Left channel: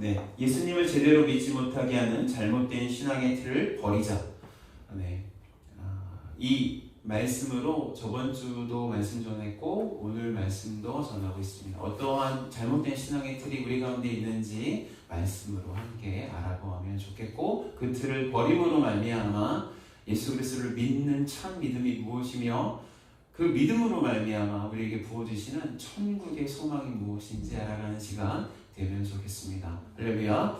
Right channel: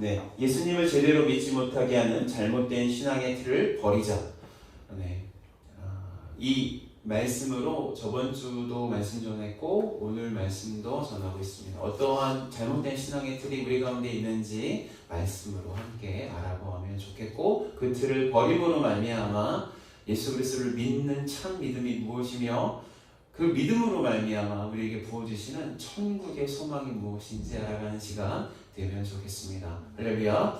네, 예수님을 제대로 믿지 못하게 하는 잘못된 신앙의 틀을 버리자. 네, 이 말씀으로 저번 주도 말씀 전했고 오늘 말씀도 전하고 있습니다. 어떠한 잘못된 신앙의 틀이 우리 가운데 있는지 말씀으로 함께 알아보면 좋겠고, 그 틀을 버림으로 말미암아 예수 그리스도를 믿는 참 믿음이 무엇이며 그 믿음으로 말미암아 우리에게 부어주시는 천국의 소망이 무엇인지 알아가는 시간 되면 좋겠습니다. 할렐루야.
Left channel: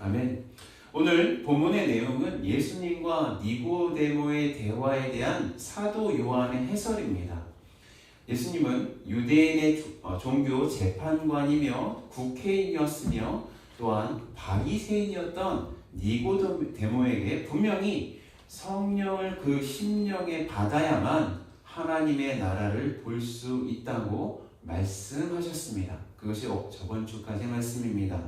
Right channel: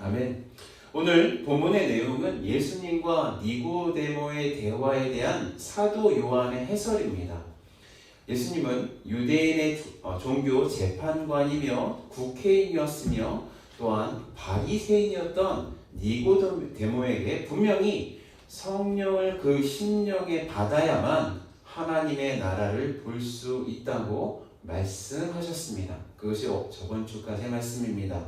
아멘. 오늘 본문의 내용은 예수님과 니고데모의 대화에 대한 사도 요한의 해설입니다. 예수님은 유대인의 종교 재판관이며 국회의원이었으며 또한 바리새인이었던 니고데모에게 분명히 성령을 그 심령에 받아야만 하나님의 나라를 볼 수 있다고 말씀하셨습니다. 그것이 저번 주까지의 말씀입니다.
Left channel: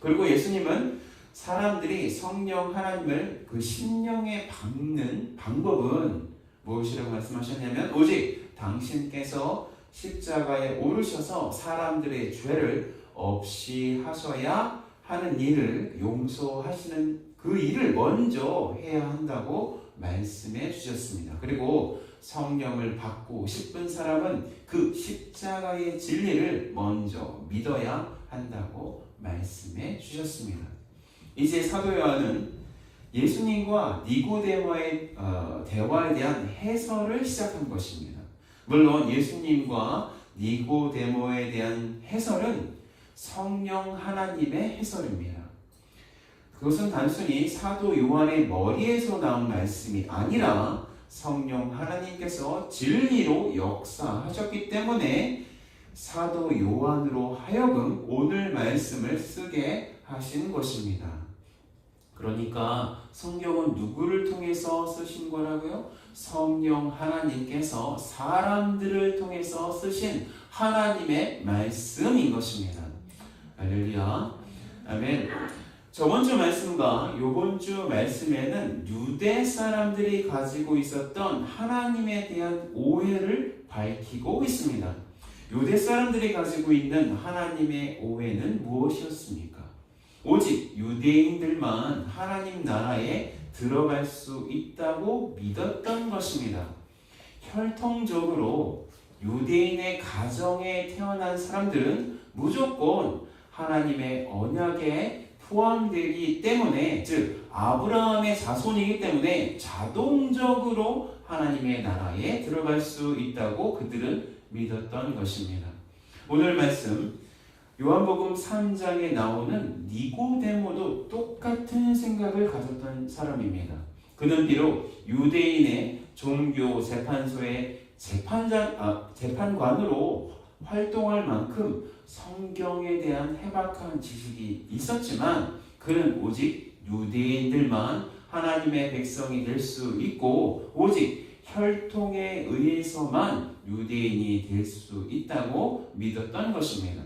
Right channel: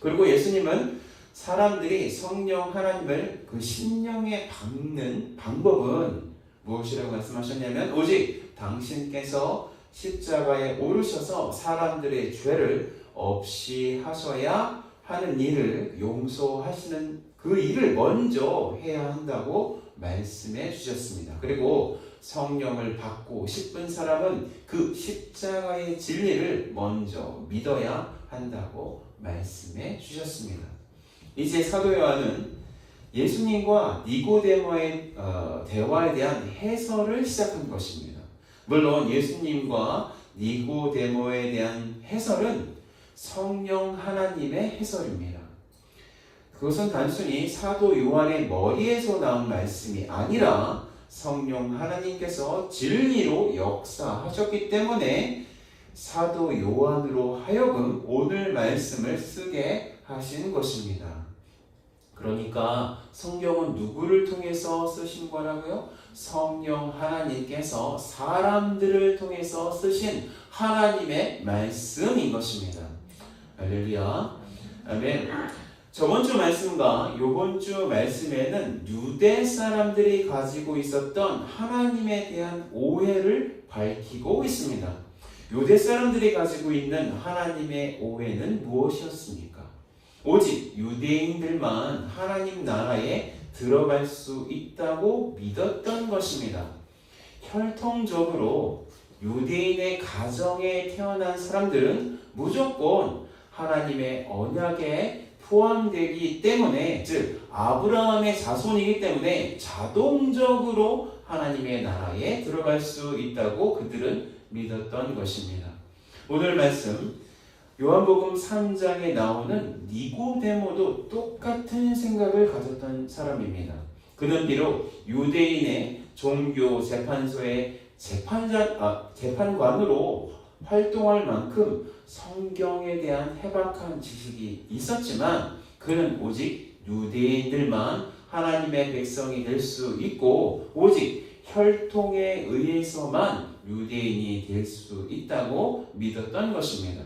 그리고 예수님은 사람들이 성령 하나님을 그 심령에 받는 방법은 무엇이라고 말씀하셨냐면, 오직 당신께서 십자가에 오르셔서 사람들의 죄를 없이 하셔야 하는 일을 용서하시는 그 일을 먼저 해야 한다고 말씀해 주셨습니다. 그리고 성령을 받고 싶은 사람은 그 십자가의 진리를 먼저 믿어야 한다고 말씀해 주셨습니다. 이제 사도 요한은 예수님과 니고데모의 대화에 대한 해설을 시작한 것입니다. 물론 예수님과 니고데모에 대한 해설은 성령 하나님의 해설입니다. 그것은 단순히 사도 요한의 머리에서 나온 말씀이 아니라 성령 하나님께서 진리로 역사하셨기 때문에 사도 요한으로 하여금 오늘 말씀을 쓰게 하신 것입니다. 그러니까 성경은 누구를 통해서 쓰신 거라고요? 성령 하나님께서 사람들을 통해서 쓰신 하나님의 말씀인 것입니다. 할렐루야. 아멘. 저번 주 말씀과 이번 주 말씀에는 유대 사람들이 가지고 있었던 하나님에 대한 오해를 밝히고 있습니다. 유대 사람들이 가지고 있는 하나님의 오해는 무엇이었습니까? 오직 유대인들만 하나님 나라에 들어갈 수 있다고 믿었던 것입니다. 혈통적으로 유대인의 가정에 태어난 사람들은 무조건 하나님의 언약에 포함되기 때문에, 즉 아브라함의 자손이기 때문에 자동적으로 하나님의 나라에 들어갈 수 있다고 그들은 믿었던 것입니다. 오늘 말씀 요한복음 3장에 나오는 니고데모도 똑같은 생각을 가졌던 사람입니다. 그는 비록 유대인의 종교 재판소의 재판관으로 활동할 만큼 성경에 대한 해박한 지식이 있었지만, 그는 오직 유대인들만 하나님의 백성이 될 수 있고 오직 혈통에 의해서만 유대인이 될 수 있다고 믿었던 것입니다.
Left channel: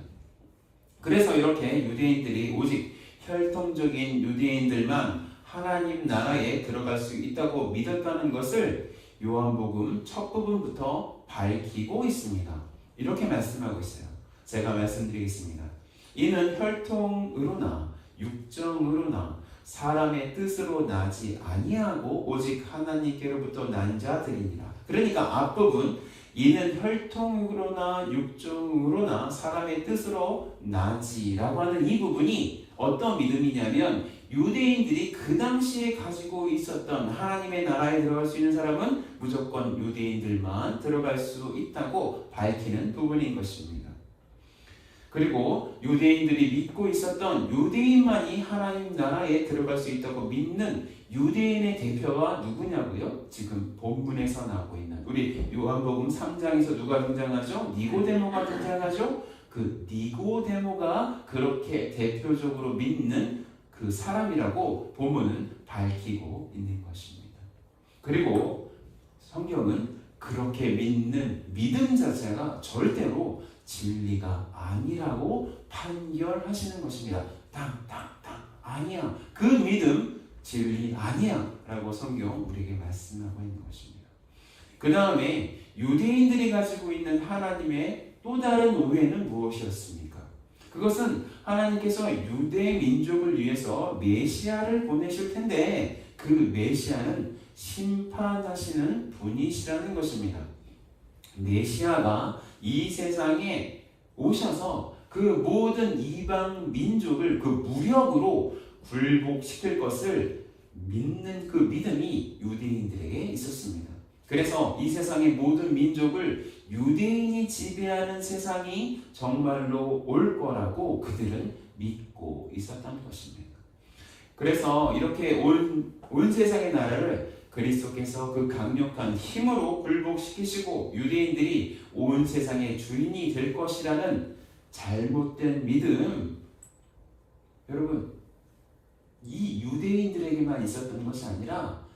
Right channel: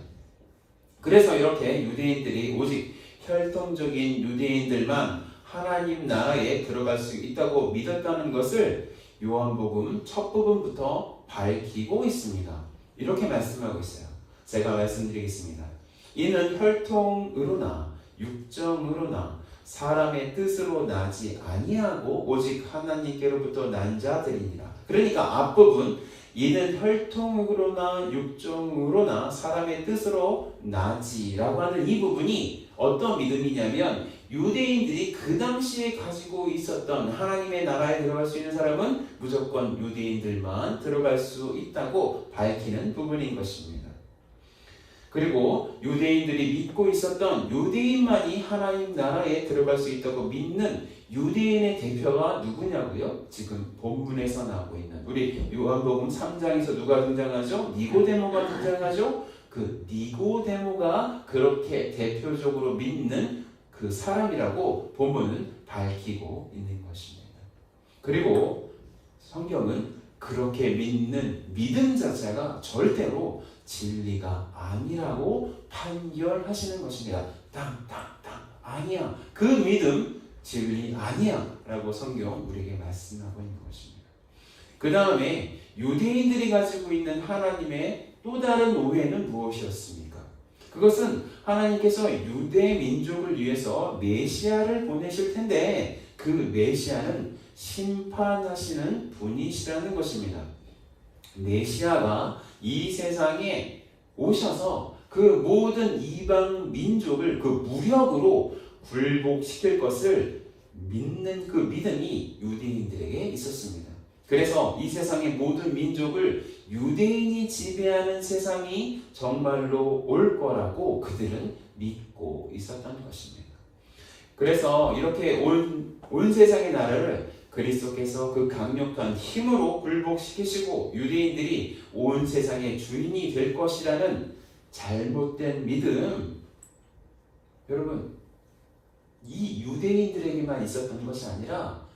그래서 이렇게 유대인들이 오직 혈통적인 유대인들만 하나님 나라에 들어갈 수 있다고 믿었다는 것을 요한복음 첫 부분부터 밝히고 있습니다. 이렇게 말씀하고 있어요. 제가 말씀드리겠습니다. 이는 혈통으로나 육정으로나 사람의 뜻으로 나지 아니하고 오직 하나님께로부터 난 자들이니라. 그러니까 앞부분, 이는 혈통으로나 육정으로나 사람의 뜻으로 나지라고 하는 이 부분이 어떤 믿음이냐면, 유대인들이 그 당시에 가지고 있었던 하나님의 나라에 들어갈 수 있는 사람은 무조건 유대인들만 들어갈 수 있다고 밝히는 부분인 것입니다. 그리고 유대인들이 믿고 있었던 유대인만이 하나님 나라에 들어갈 수 있다고 믿는 유대인의 대표가 누구냐고요? 지금 본문에서 나오고 있는 우리 요한복음 3장에서 누가 등장하죠? 니고데모가 등장하죠? 그 니고데모가 그렇게 대표적으로 믿는 그 사람이라고 본문은 밝히고 있는 것입니다. 그리고 성경은 그렇게 믿는 믿음 자체가 절대로 진리가 아니라고 판결하시는 것입니다. 땅땅땅 아니야. 그 믿음 진리 아니야 라고 성경 우리에게 말씀하고 있는 것입니다. 그 다음에 유대인들이 가지고 있는 하나님의 또 다른 오해는 무엇이었습니까? 그것은 하나님께서 유대 민족을 위해서 메시아를 보내실 텐데 그 메시아는 심판하시는 분이시라는 것입니다. 메시아가 이 세상에 오셔서 그 모든 이방 민족을 그 무력으로 굴복시킬 것을 믿는 그 믿음이 유대인들에게 있었습니다. 그래서 이 세상의 모든 민족을 유대인이 지배하는 세상이 정말로 올 거라고 그들은 믿고 있었던 것입니다. 그래서 이렇게 온 세상의 나라를 그리스도께서 그 강력한 힘으로 굴복시키시고 유대인들이 온 세상의 주인이 될 것이라는 잘못된 믿음, 여러분, 이 유대인들에게만 있었던 것이 아니라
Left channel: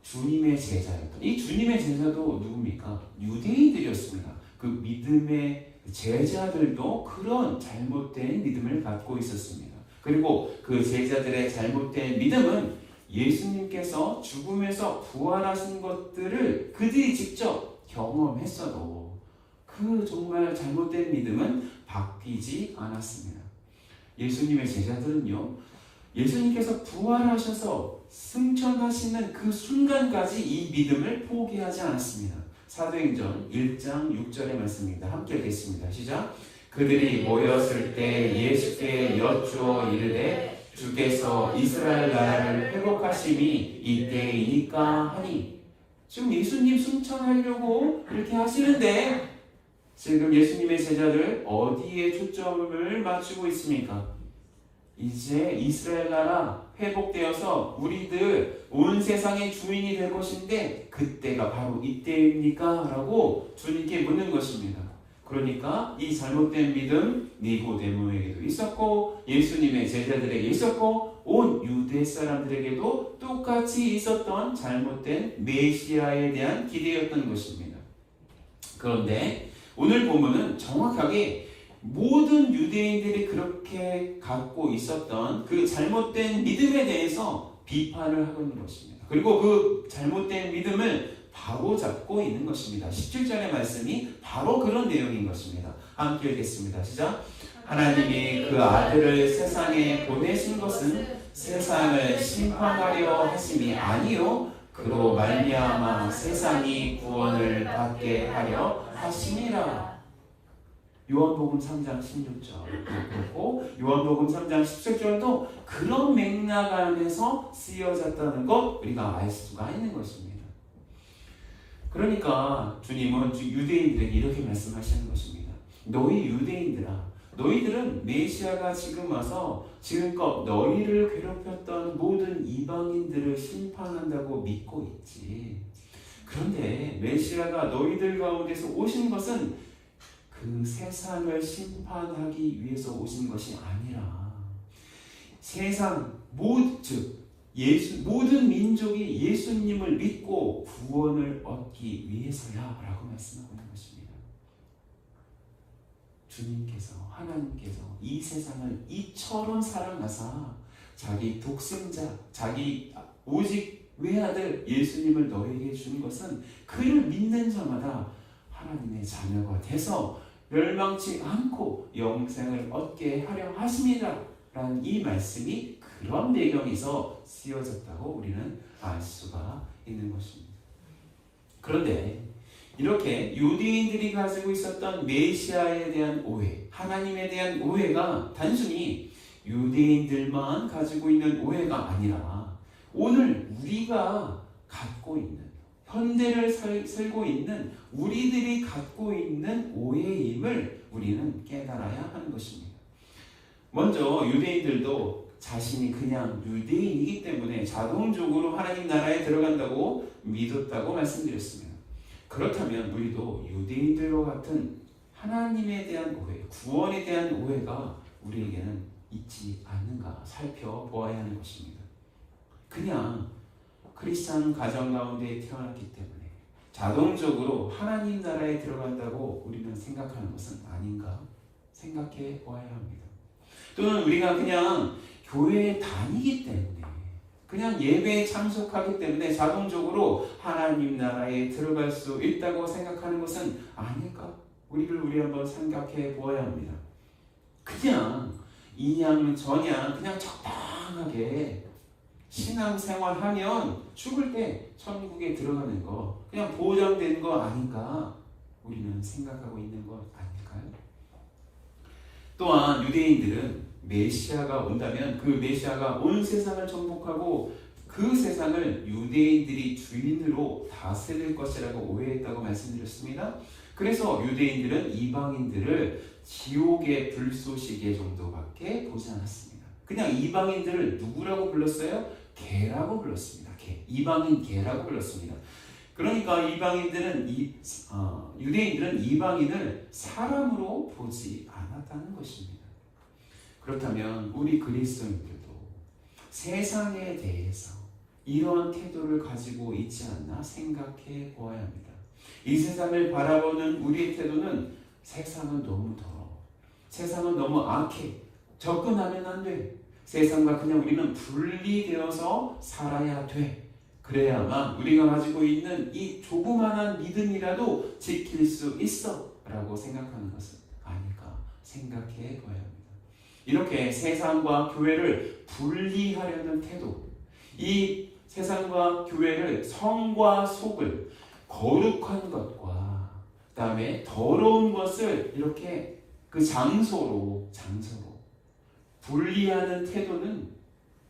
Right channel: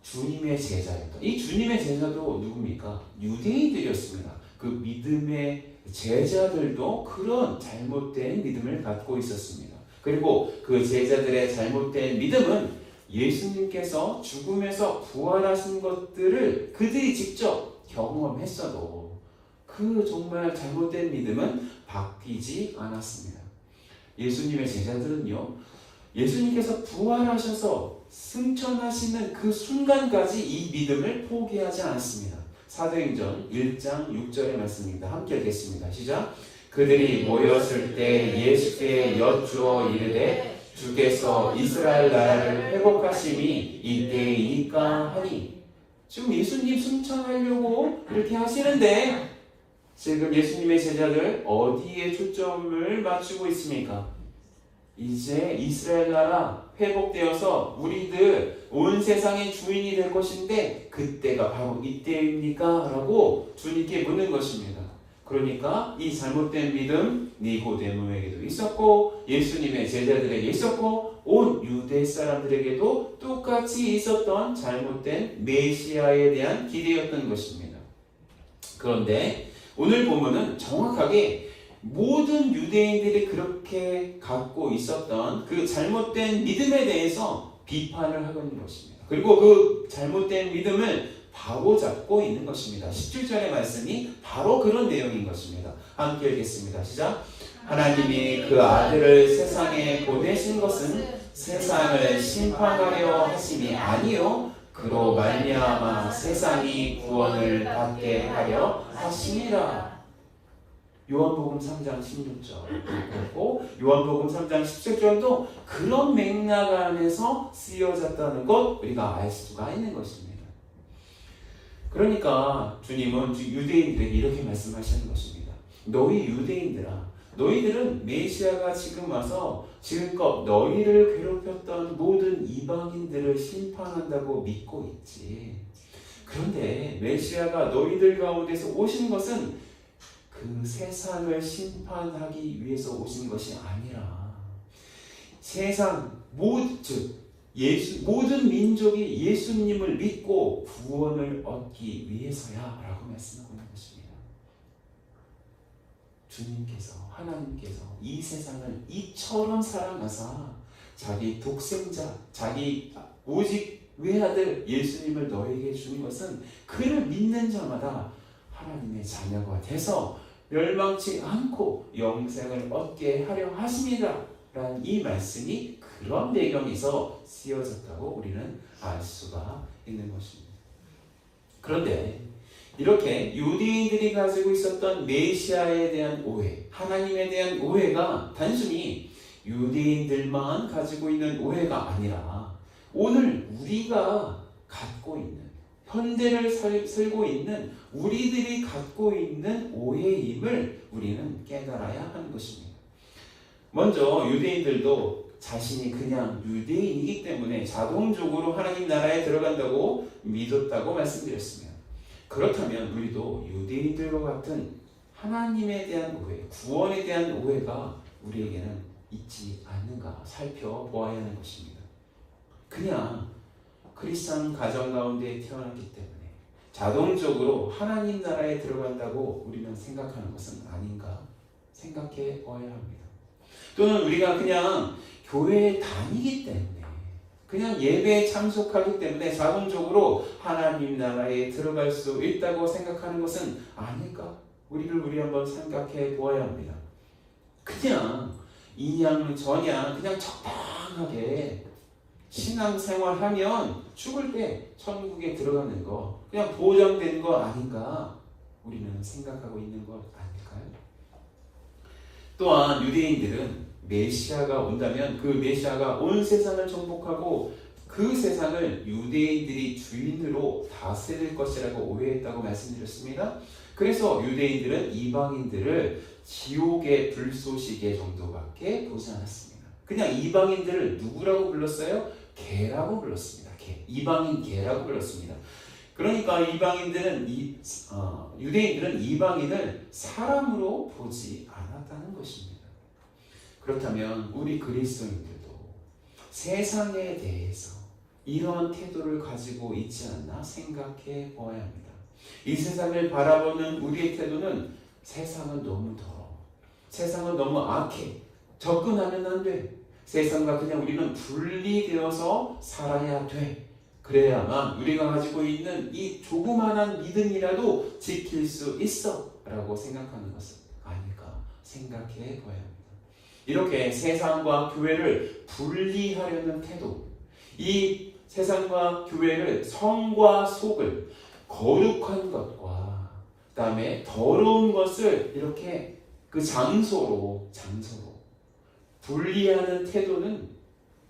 주님의 제자였던, 이 주님의 제자도 누굽니까? 유대인들이었습니다. 그 믿음의 제자들도 그런 잘못된 믿음을 갖고 있었습니다. 그리고 그 제자들의 잘못된 믿음은 예수님께서 죽음에서 부활하신 것들을 그들이 직접 경험했어도 그 정말 잘못된 믿음은 바뀌지 않았습니다. 예수님의 제자들은요, 예수님께서 부활하셔서 승천하시는 그 순간까지 이 믿음을 포기하지 않았습니다. 사도행전 1장 6절의 말씀입니다. 함께 읽겠습니다. 시작. 그들이 모였을 때 예수께 여쭈어 이르되 주께서 이스라엘 나라를 회복하심이 이때이니까 하니. 지금 예수님 승천하려고 이렇게 하시는데 지금 예수님의 제자들 어디에 초점을 맞추고 있습니까? 이제 이스라엘 나라 회복되어서 우리들 온 세상의 주인이 될 것인데 그때가 바로 이때입니까? 라고 주님께 묻는 것입니다. 그러니까 이 잘못된 믿음 니고데모에게도 있었고 예수님의 제자들에게 있었고 온 유대 사람들에게도 똑같이 있었던 잘못된 메시아에 대한 기대였던 것입니다. 그런데 오늘 본문은 정확하게 모든 유대인들이 그렇게 갖고 있었던 그 잘못된 믿음에 대해서 비판을 하고 있는 것입니다. 그리고 그 잘못된 믿음을 바로잡고 있는 것입니다. 17절의 말씀이 바로 그런 내용인 것입니다. 함께 읽겠습니다. 시작. 하나님이 그 아들을 세상에 보내신 것은 세상을 심판하려 하심이 아니요 그로 말미암아 세상이 구원을 받게 하려 하심이라. 요한복음 3장 16절 그리고 요한복음 3장 17절도 그런 맥락 안에서 쓰여졌다는 것 우리가 알 수가 있는 것입니다. 그러니까 주님은 유대인들에게 이렇게 말씀하시는 것입니다. 너희 유대인들아, 너희들은 메시아가 지금 와서 지금껏 너희를 괴롭혔던 모든 이방인들을 심판한다고 믿고 있지. 그런데 메시아가 너희들 가운데서 오신 것은 그 세상을 심판하기 위해서 오신 것이 아니라 세상 모든 민족이 예수님을 믿고 구원을 얻기 위해서야 라고 말씀하고 있는 것입니다. 주님께서 하나님께서 이 세상을 이처럼 사랑하사 자기 독생자 자기 오직 외아들 예수님을 너에게 준 것은 그를 믿는 자마다 하나님의 자녀가 돼서 멸망치 않고 영생을 얻게 하려 하십니다 라는 이 말씀이 그런 배경에서 쓰여졌다고 우리는 알 수가 있는 것입니다. 그런데 이렇게 유대인들이 가지고 있었던 메시아에 대한 오해, 하나님에 대한 오해가 단순히 유대인들만 가지고 있는 오해가 아니라 오늘 우리가 갖고 있는 현대를 살고 있는 우리들이 갖고 있는 오해임을 우리는 깨달아야 하는 것입니다. 먼저 유대인들도 자신이 그냥 유대인이기 때문에 자동적으로 하나님 나라에 들어간다고 믿었다고 말씀드렸습니다. 그렇다면 우리도 유대인들과 같은 하나님에 대한 오해, 구원에 대한 오해가 우리에게는 있지 않는가 살펴보아야 하는 것입니다. 그냥 크리스찬 가정 가운데 태어났기 때문에 자동적으로 하나님 나라에 들어간다고 우리는 생각하는 것은 아닌가 생각해 보아야 합니다. 또는 우리가 그냥 교회에 다니기 때문에 그냥 예배에 참석하기 때문에 자동적으로 하나님 나라에 들어갈 수 있다고 생각하는 것은 아닐까? 우리 한번 생각해 보아야 합니다. 그냥 이냥 저냥 그냥 적당하게 신앙생활 하면 죽을 때 천국에 들어가는 거 그냥 보장된 거 아닌가 우리는 생각하고 있는 것 아닐까요? 또한 유대인들은 메시아가 온다면 그 메시아가 온 세상을 정복하고 그 세상을 유대인들이 주인으로 다스릴 것이라고 오해했다고 말씀드렸습니다. 그래서 유대인들은 이방인들을 지옥의 불쏘시개 정도밖에 보지 않았습니다. 그냥 이방인들을 누구라고 불렀어요? 개라고 불렀습니다. 개. 이방인 개라고 불렀습니다. 그러니까 유대인들은 이방인을 사람으로 보지 않았다는 것입니다. 그렇다면 우리 그리스도인들도 세상에 대해서 이런 태도를 가지고 있지 않나 생각해 보아야 합니다. 이 세상을 바라보는 우리의 태도는 세상은 너무 더러워. 세상은 너무 악해. 접근하면 안 돼. 세상과 그냥 우리는 분리되어서 살아야 돼. 그래야만 우리가 가지고 있는 이 조그마한 믿음이라도 지킬 수 있어 라고 생각하는 것은 아닐까 생각해 봐야 합니다. 이렇게 세상과 교회를 분리하려는 태도, 이 세상과 교회를 성과 속을 거룩한 것과 그 다음에 더러운 것을 이렇게 그 장소로 분리하는 태도는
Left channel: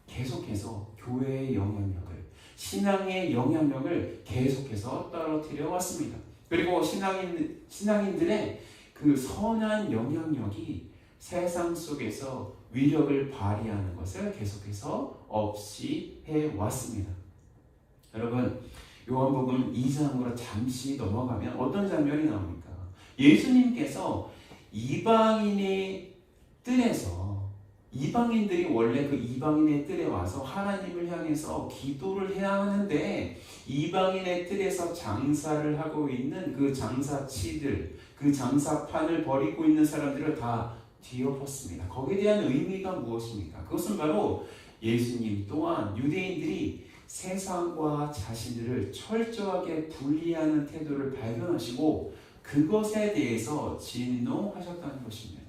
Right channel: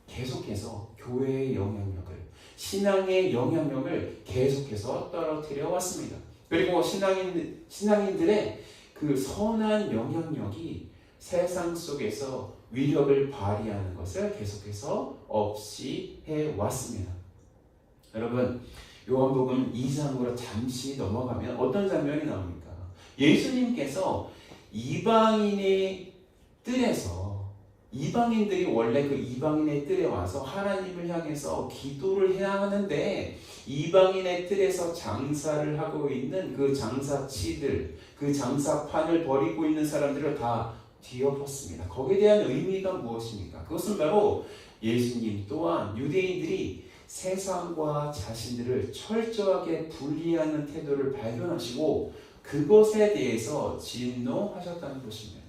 계속해서 교회의 영향력을, 신앙의 영향력을 계속해서 떨어뜨려 왔습니다. 그리고 신앙인들의 그 선한 영향력이 세상 속에서 위력을 발휘하는 것을 계속해서 없이 해왔습니다. 여러분, 요한복음 2장으로 잠시 넘어가면 어떤 장면이 나옵니까? 예수님께서 이방인의 뜰에서 이방인들이 원래 그 이방인의 뜰에 와서 하나님을 향해서 기도를 해야 하는데 이방인의 뜰에서 장사를 하고 있는 그 장사치들, 그 장사판을 벌이고 있는 사람들을 다 뒤엎었습니다. 거기에 대한 의미가 무엇입니까? 그것은 바로 예수님 또한 유대인들이 세상과 자신들을 철저하게 분리하는 태도를 발견하시고 그것에 대해서 진노하셨다는 것입니다.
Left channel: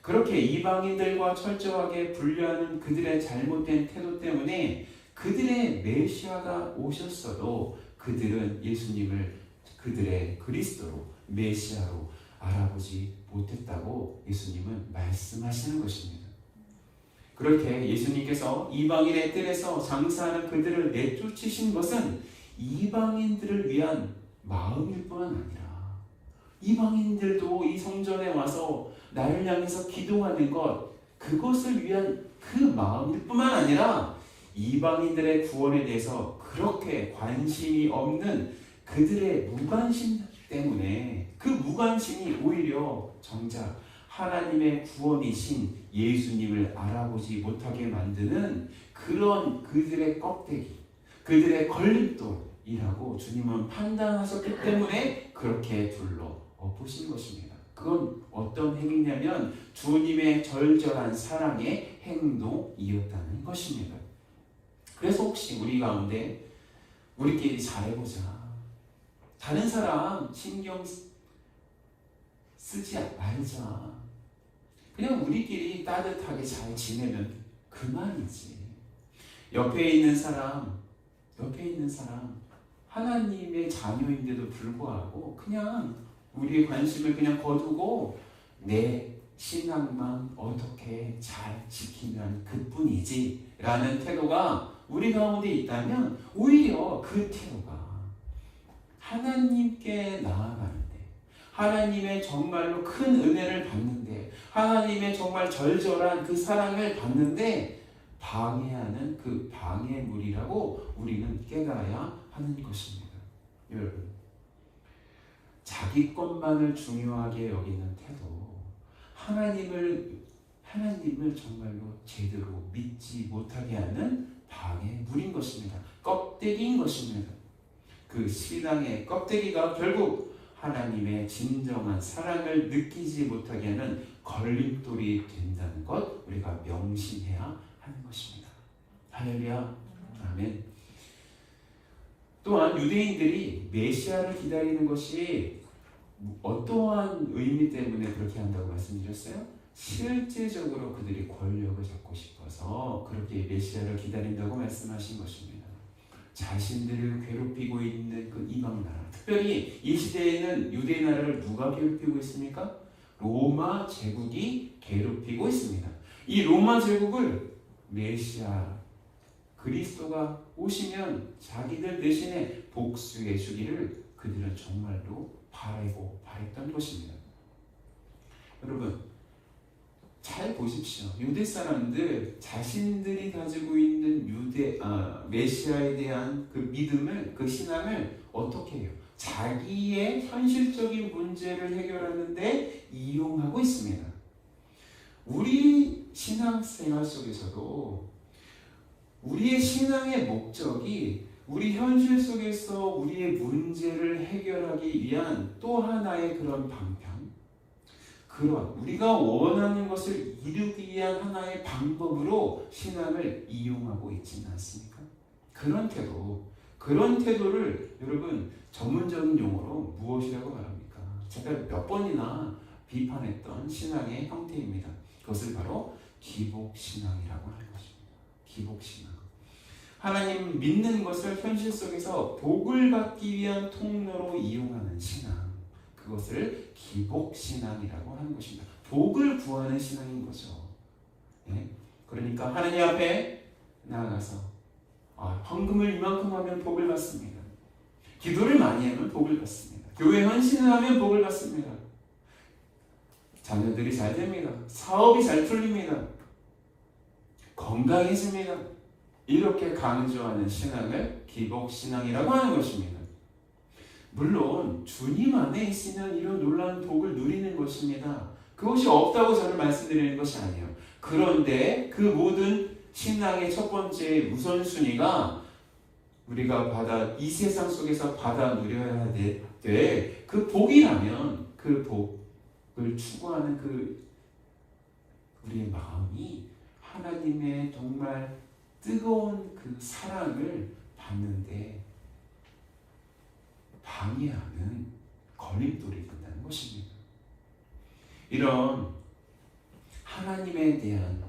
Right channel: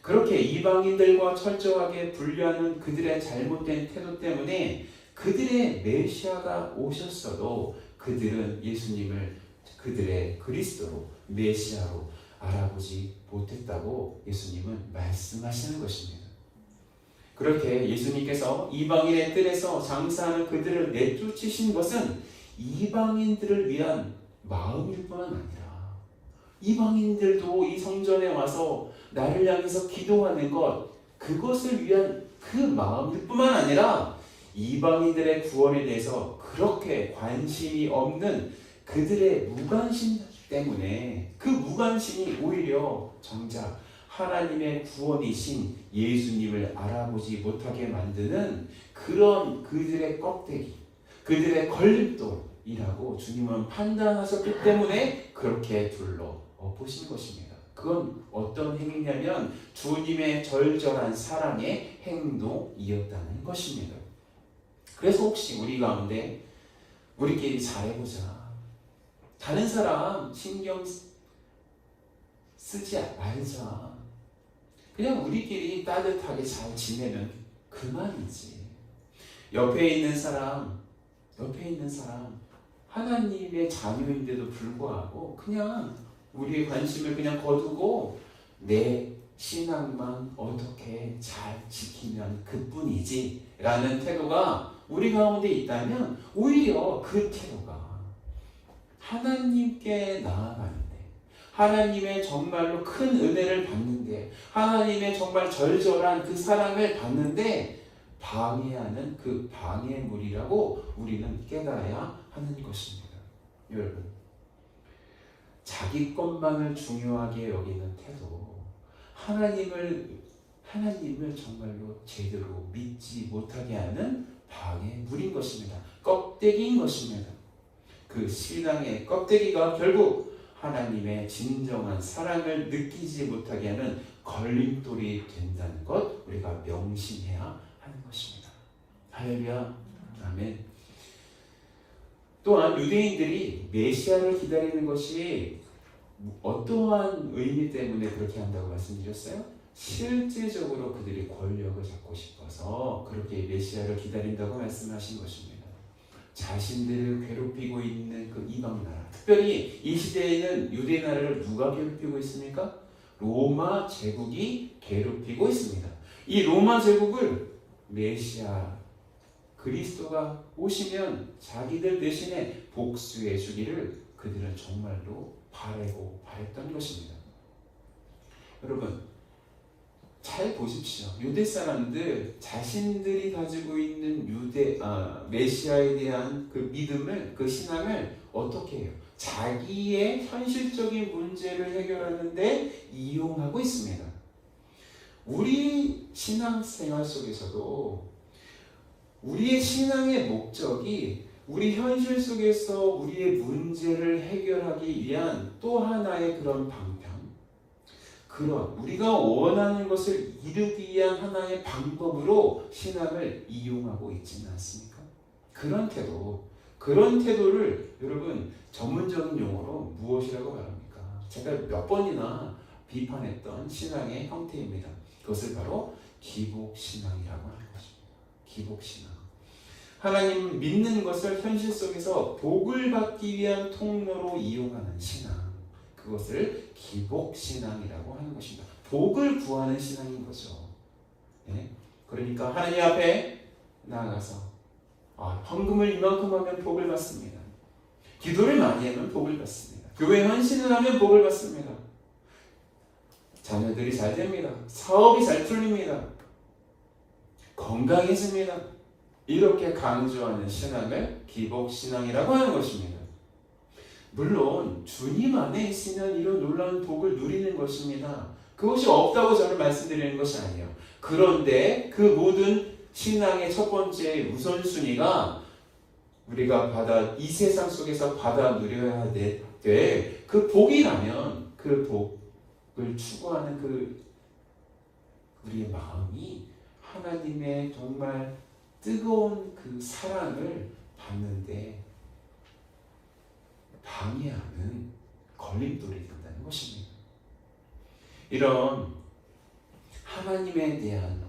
그렇게 이방인들과 철저하게 분리하는 그들의 잘못된 태도 때문에 그들의 메시아가 오셨어도 그들은 예수님을 그들의 그리스도로 메시아로 알아보지 못했다고 예수님은 말씀하시는 것입니다. 그렇게 예수님께서 이방인의 뜰에서 장사하는 그들을 내쫓으신 것은 이방인들을 위한 마음일 뿐 아니라 이방인들도 이 성전에 와서 나를 향해서 기도하는 것, 그것을 위한 그 마음일 뿐만 아니라 이방인들의 구원에 대해서 그렇게 관심이 없는 그들의 무관심 때문에 그 무관심이 오히려 정작 하나님의 구원이신 예수님을 알아보지 못하게 만드는 그런 그들의 껍데기, 그들의 걸림돌이라고 주님은 판단하셨기 때문에 그렇게 불러 엎으신 것입니다. 그건 어떤 행위냐면 주님의 절절한 사랑의 행동이었다는 것입니다. 그래서 혹시 우리 가운데 우리끼리 잘해보자, 다른 사람 신경 쓰지 말자, 그냥 우리끼리 따뜻하게 잘 지내면 그만이지. 옆에 있는 사람 하나님의 자녀인데도 불구하고 그냥 우리의 관심을 그냥 거두고 내 신앙만 어떻게 잘 지키면 그뿐이지 라는 태도가 우리 가운데 있다면 오히려 그 태도가 하나님께 나아가는데, 하나님의 정말로 큰 은혜를 받는데, 하나님의 정말 절절한 그 사랑을 받는데 방해하는 그 방해물이라고 우리는 깨달아야 하는 것입니다. 여러분, 자기 것만을 중요하게 여기는 태도, 하나님을 정말로 제대로 믿지 못하게 하는 방해물인 것입니다. 껍데기인 것입니다. 그 신앙의 껍데기가 결국 하나님의 진정한 사랑을 느끼지 못하게 하는 걸림돌이 된다는 것 우리가 명심해야 하는 것입니다. 할렐루야. 아멘. 또한 유대인들이 메시아를 기다리는 것이 어떠한 의미 때문에 그렇게 한다고 말씀드렸어요? 실제적으로 그들이 권력을 잡고 싶어서 그렇게 메시아를 기다린다고 말씀하신 것입니다. 자신들을 괴롭히고 있는 그 이방 나라, 특별히 이 시대에는 유대 나라를 누가 괴롭히고 있습니까? 로마 제국이 괴롭히고 있습니다. 이 로마 제국을 메시아 그리스도가 오시면 자기들 대신에 복수해 주기를 그들은 정말로 바랬던 것입니다. 여러분, 잘 보십시오. 유대 사람들 자신들이 가지고 있는 메시아에 대한 그 믿음을, 그 신앙을 어떻게 해요? 자기의 현실적인 문제를 해결하는데 이용하고 있습니다. 우리 신앙생활 속에서도 우리의 신앙의 목적이 우리 현실 속에서 우리의 문제를 해결하기 위한 또 하나의 그런 방편, 그런 우리가 원하는 것을 이루기 위한 하나의 방법으로 신앙을 이용하고 있지는 않습니까? 그런 태도를 여러분 전문적인 용어로 무엇이라고 말합니까? 제가 몇 번이나 비판했던 신앙의 형태입니다. 그것을 바로 기복신앙이라고 하는 것입니다. 기복신앙. 하나님 믿는 것을 현실 속에서 복을 받기 위한 통로로 이용하는 신앙, 그것을 기복신앙이라고 하는 것입니다. 복을 구하는 신앙인 거죠. 네? 그러니까 하나님 앞에 나아가서 헌금을 이만큼 하면 복을 받습니다. 기도를 많이 하면 복을 받습니다. 교회 헌신을 하면 복을 받습니다. 자녀들이 잘 됩니다. 사업이 잘 풀립니다. 건강해집니다. 이렇게 강조하는 신앙을 기복신앙이라고 하는 것입니다. 물론 주님 안에 있으면 이런 놀라운 복을 누리는 것입니다. 그것이 없다고 저는 말씀드리는 것이 아니에요. 그런데 그 모든 신앙의 첫 번째 우선순위가 우리가 이 세상 속에서 받아 누려야 될 그 복이라면 그 복을 추구하는 우리의 마음이 하나님의 정말 뜨거운 그 사랑을 받는데 방해하는 걸림돌이 된다는 것입니다. 이런 하나님에 대한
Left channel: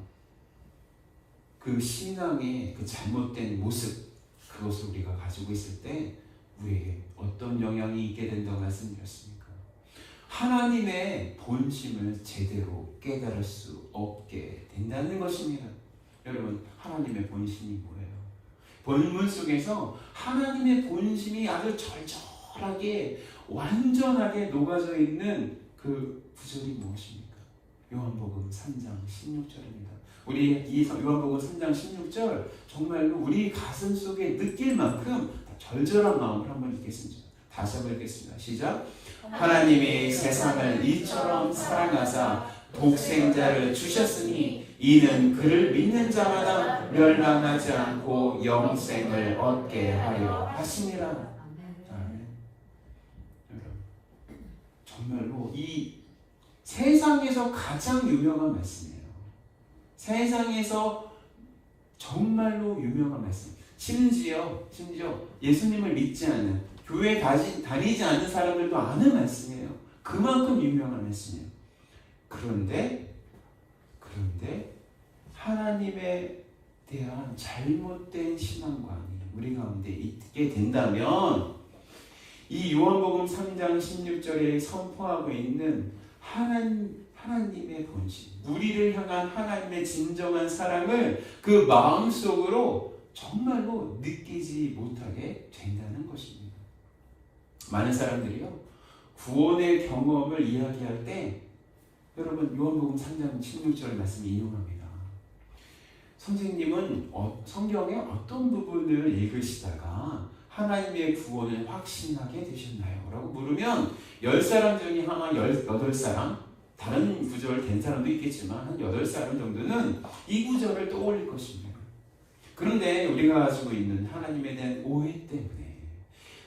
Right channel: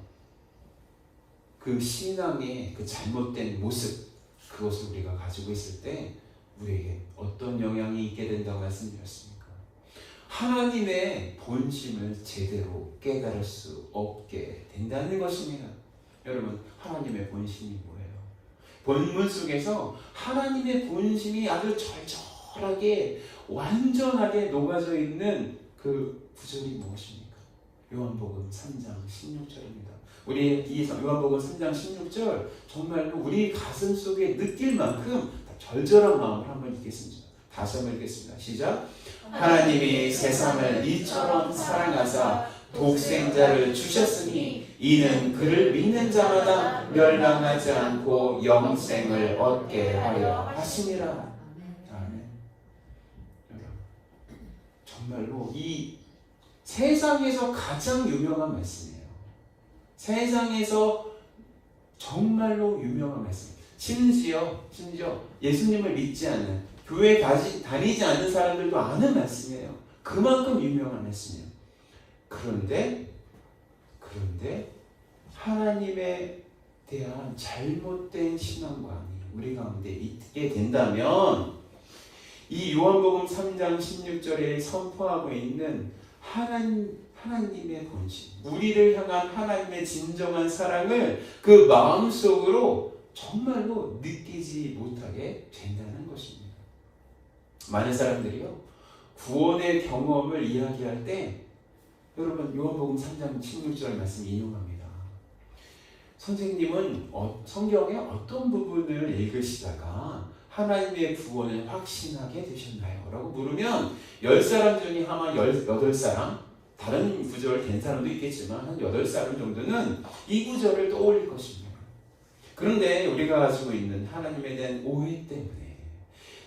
그 신앙의 그 잘못된 모습, 그것을 우리가 가지고 있을 때 우리에게 어떤 영향이 있게 된다고 말씀드렸습니까? 하나님의 본심을 제대로 깨달을 수 없게 된다는 것입니다. 여러분, 하나님의 본심이 뭐예요? 본문 속에서 하나님의 본심이 아주 절절하게 완전하게 녹아져 있는 그 구절이 무엇입니까? 요한복음 3장 16절입니다. 우리 이 요한복음 3장 16절 정말로 우리 가슴 속에 느낄 만큼 절절한 마음으로 한번 읽겠습니다. 다시 한번 읽겠습니다. 시작. 하나님이 세상을 이처럼 사랑하사 독생자를 주셨으니 이는 그를 믿는 자마다 멸망하지 않고 영생을 얻게 하려 하심이라. 아멘. 정말로 이 세상에서 가장 유명한 말씀이에요. 세상에서 정말로 유명한 말씀. 심지어 예수님을 믿지 않는, 교회에 다니지 않는 사람들도 아는 말씀이에요. 그만큼 유명한 말씀이에요. 그런데 하나님에 대한 잘못된 신앙관이 우리 가운데 있게 된다면 이 요한복음 3장 16절에 선포하고 있는 하나님의 본심, 우리를 향한 하나님의 진정한 사랑을 그 마음속으로 정말로 느끼지 못하게 된다는 것입니다. 많은 사람들이요, 구원의 경험을 이야기할 때 여러분 요한복음 3장 16절 말씀 인용합니다. 선생님은 성경의 어떤 부분을 읽으시다가 하나님의 구원을 확신하게 되셨나요? 라고 물으면 10사람 중에 아마 8사람, 다른 구절 된 사람도 있겠지만 한 8사람 정도는 이 구절을 떠올릴 것입니다. 그런데 우리가 가지고 있는 하나님에 대한 오해 때문에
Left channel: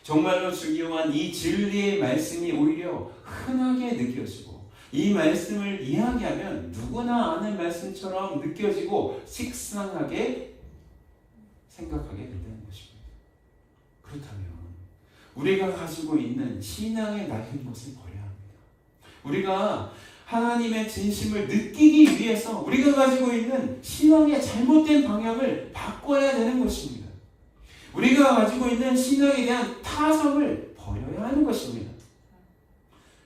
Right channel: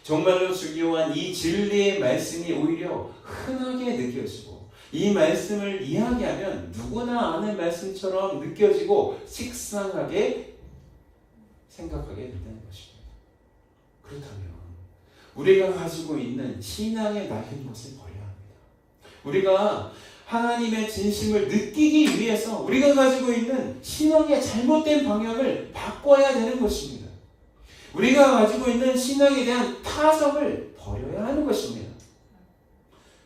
정말로 중요한 이 진리의 말씀이 오히려 흔하게 느껴지고 이 말씀을 이야기하면 누구나 아는 말씀처럼 느껴지고 식상하게 생각하게 된다는 것입니다. 그렇다면 우리가 가지고 있는 신앙의 낡은 것을 버려야 합니다. 우리가 하나님의 진심을 느끼기 위해서 우리가 가지고 있는 신앙의 잘못된 방향을 바꿔야 되는 것입니다. 우리가 가지고 있는 신앙에 대한 타성을 버려야 하는 것입니다.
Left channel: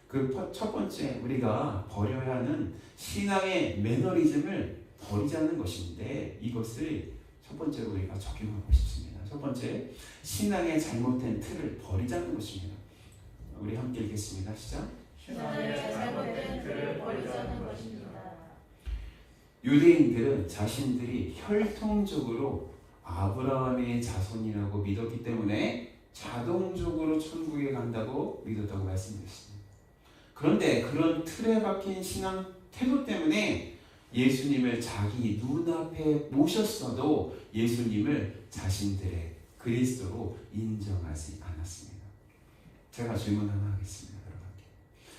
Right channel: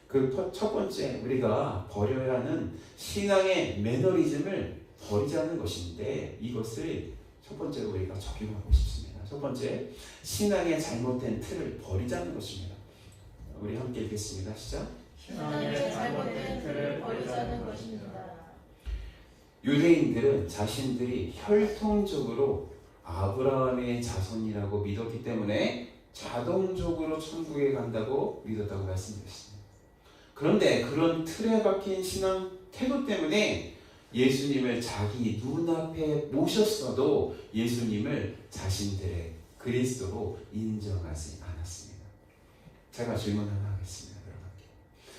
그 첫 번째 우리가 버려야 하는 신앙의 매너리즘을 버리자는 것인데, 이것을 첫 번째로 우리가 적용하고 싶습니다. 첫 번째, 신앙의 잘못된 틀을 버리자는 것입니다. 우리 함께 읽겠습니다. 시작. 신앙의 잘못된 틀을 버리자는 것입니다. 유대인들은 자신들이 혈통적으로 아브라함의 자손이라고 믿었기 때문에 자동적으로 천국에 간다고 믿었다고 말씀드렸습니다. 그런데 그런 틀에 박힌 신앙 태도 때문에 예수님을 자기 눈앞에 모셨어도 예수님을 자신들의 그리스도로 인정하지 않았습니다. 제가 질문 하나 하겠습니다. 여러분께.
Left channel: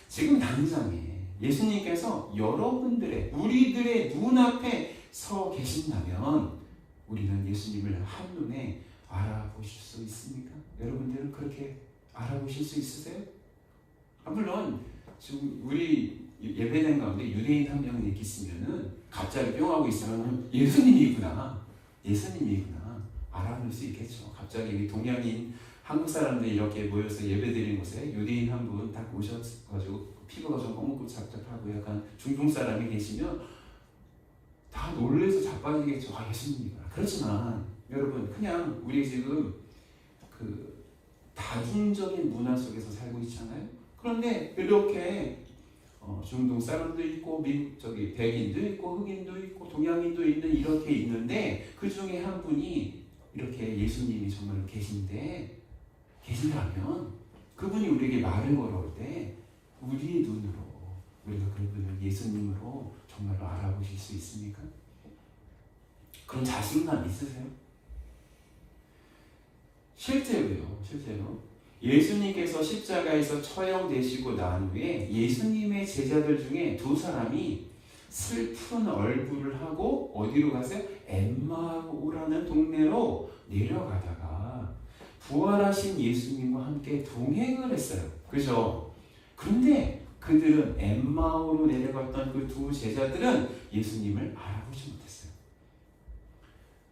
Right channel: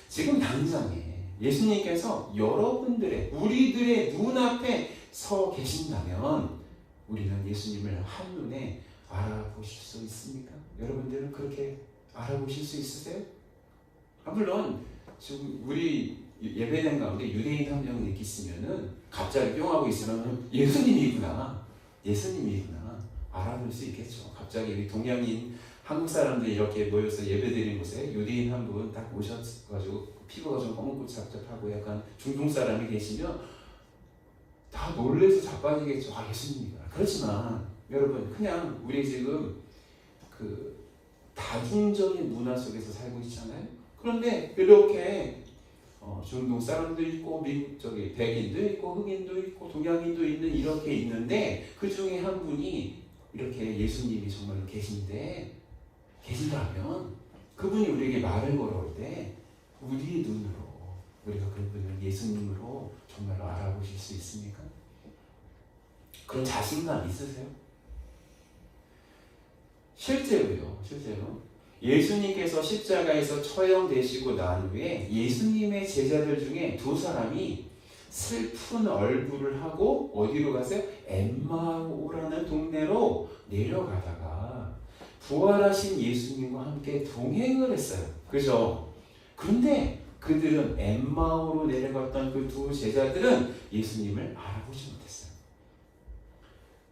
지금 당장에 예수님께서 여러분들의, 우리들의 눈앞에 서 계신다면 우리는 예수님을 한눈에 알아보실 수 있습니까? 여러분들은 그렇게 알아보실 수 있으세요? 물론 지금 우리 예배당 가운데 유대인 한 명이 이렇게 있으면은 갑자기 뿅 하고 있으면 예수님이구나 알아볼 수 있겠죠. 갑자기 우리 동양인 한국 사람들이 이렇게 모여서 예배드리는 곳에 유대인 한 분 딱 오셔가지고 피부가 좀 검은고잡잡하고 약간 중동 사람이 계시면 다 놀래서 자빠지겠죠. 예수님이구나. 그렇지만 여러분, 그냥 우리 지금 그 다중적인 문화 속에서 살고 있잖아요. 그런데 이렇게 중동 사람도 있고 미국 저기 백인도 있고 흑인도 있고 동양인도 있는 이렇게 있는데 그 중에 한 분이 이렇게 예수님이 정말로 계신다면 그분이 우리에게 말을 걸어올 때 우리의 눈으로 우리가 그분을 예수님으로 정말로 알아보실 수 있습니까? 그런 자신감 있으세요? 실제로 예수님께서 십자가에서 처형되시고 난 후에 예수님의 제자들 중에 두 사람이 슬픈 얼굴을 하고 어디로 가세요? 엠마오라는 동네로 내려가다가 부활하신 예수님과 함께 동행을 했어요. 그죠? 그런데 그들은 엠마오로 내려갔던 그 두 제자들은 예수님을 알아보지 못했어요.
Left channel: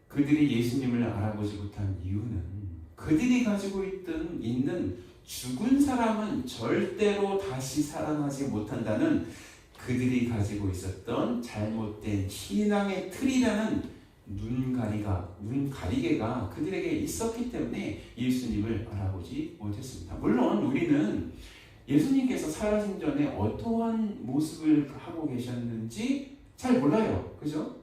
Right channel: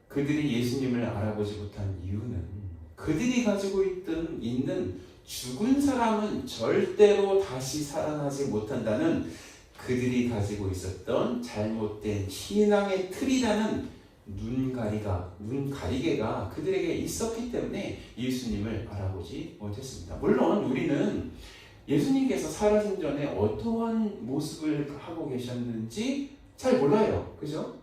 그들이 예수님을 알아보지 못한 이유는 그들이 가지고 있는 죽은 사람은 절대로 다시 살아나지 못한다는 그들이 가지고 있었던 잘못된 신앙의 틀이라는 눈가리개가 그들에게 있었기 때문에 예수님을 알아보지 못했습니다. 물론 우리는 예수님께서 살아신 전에 어떠한 모습을 하고 계셨는지 잘 몰라요. 그죠?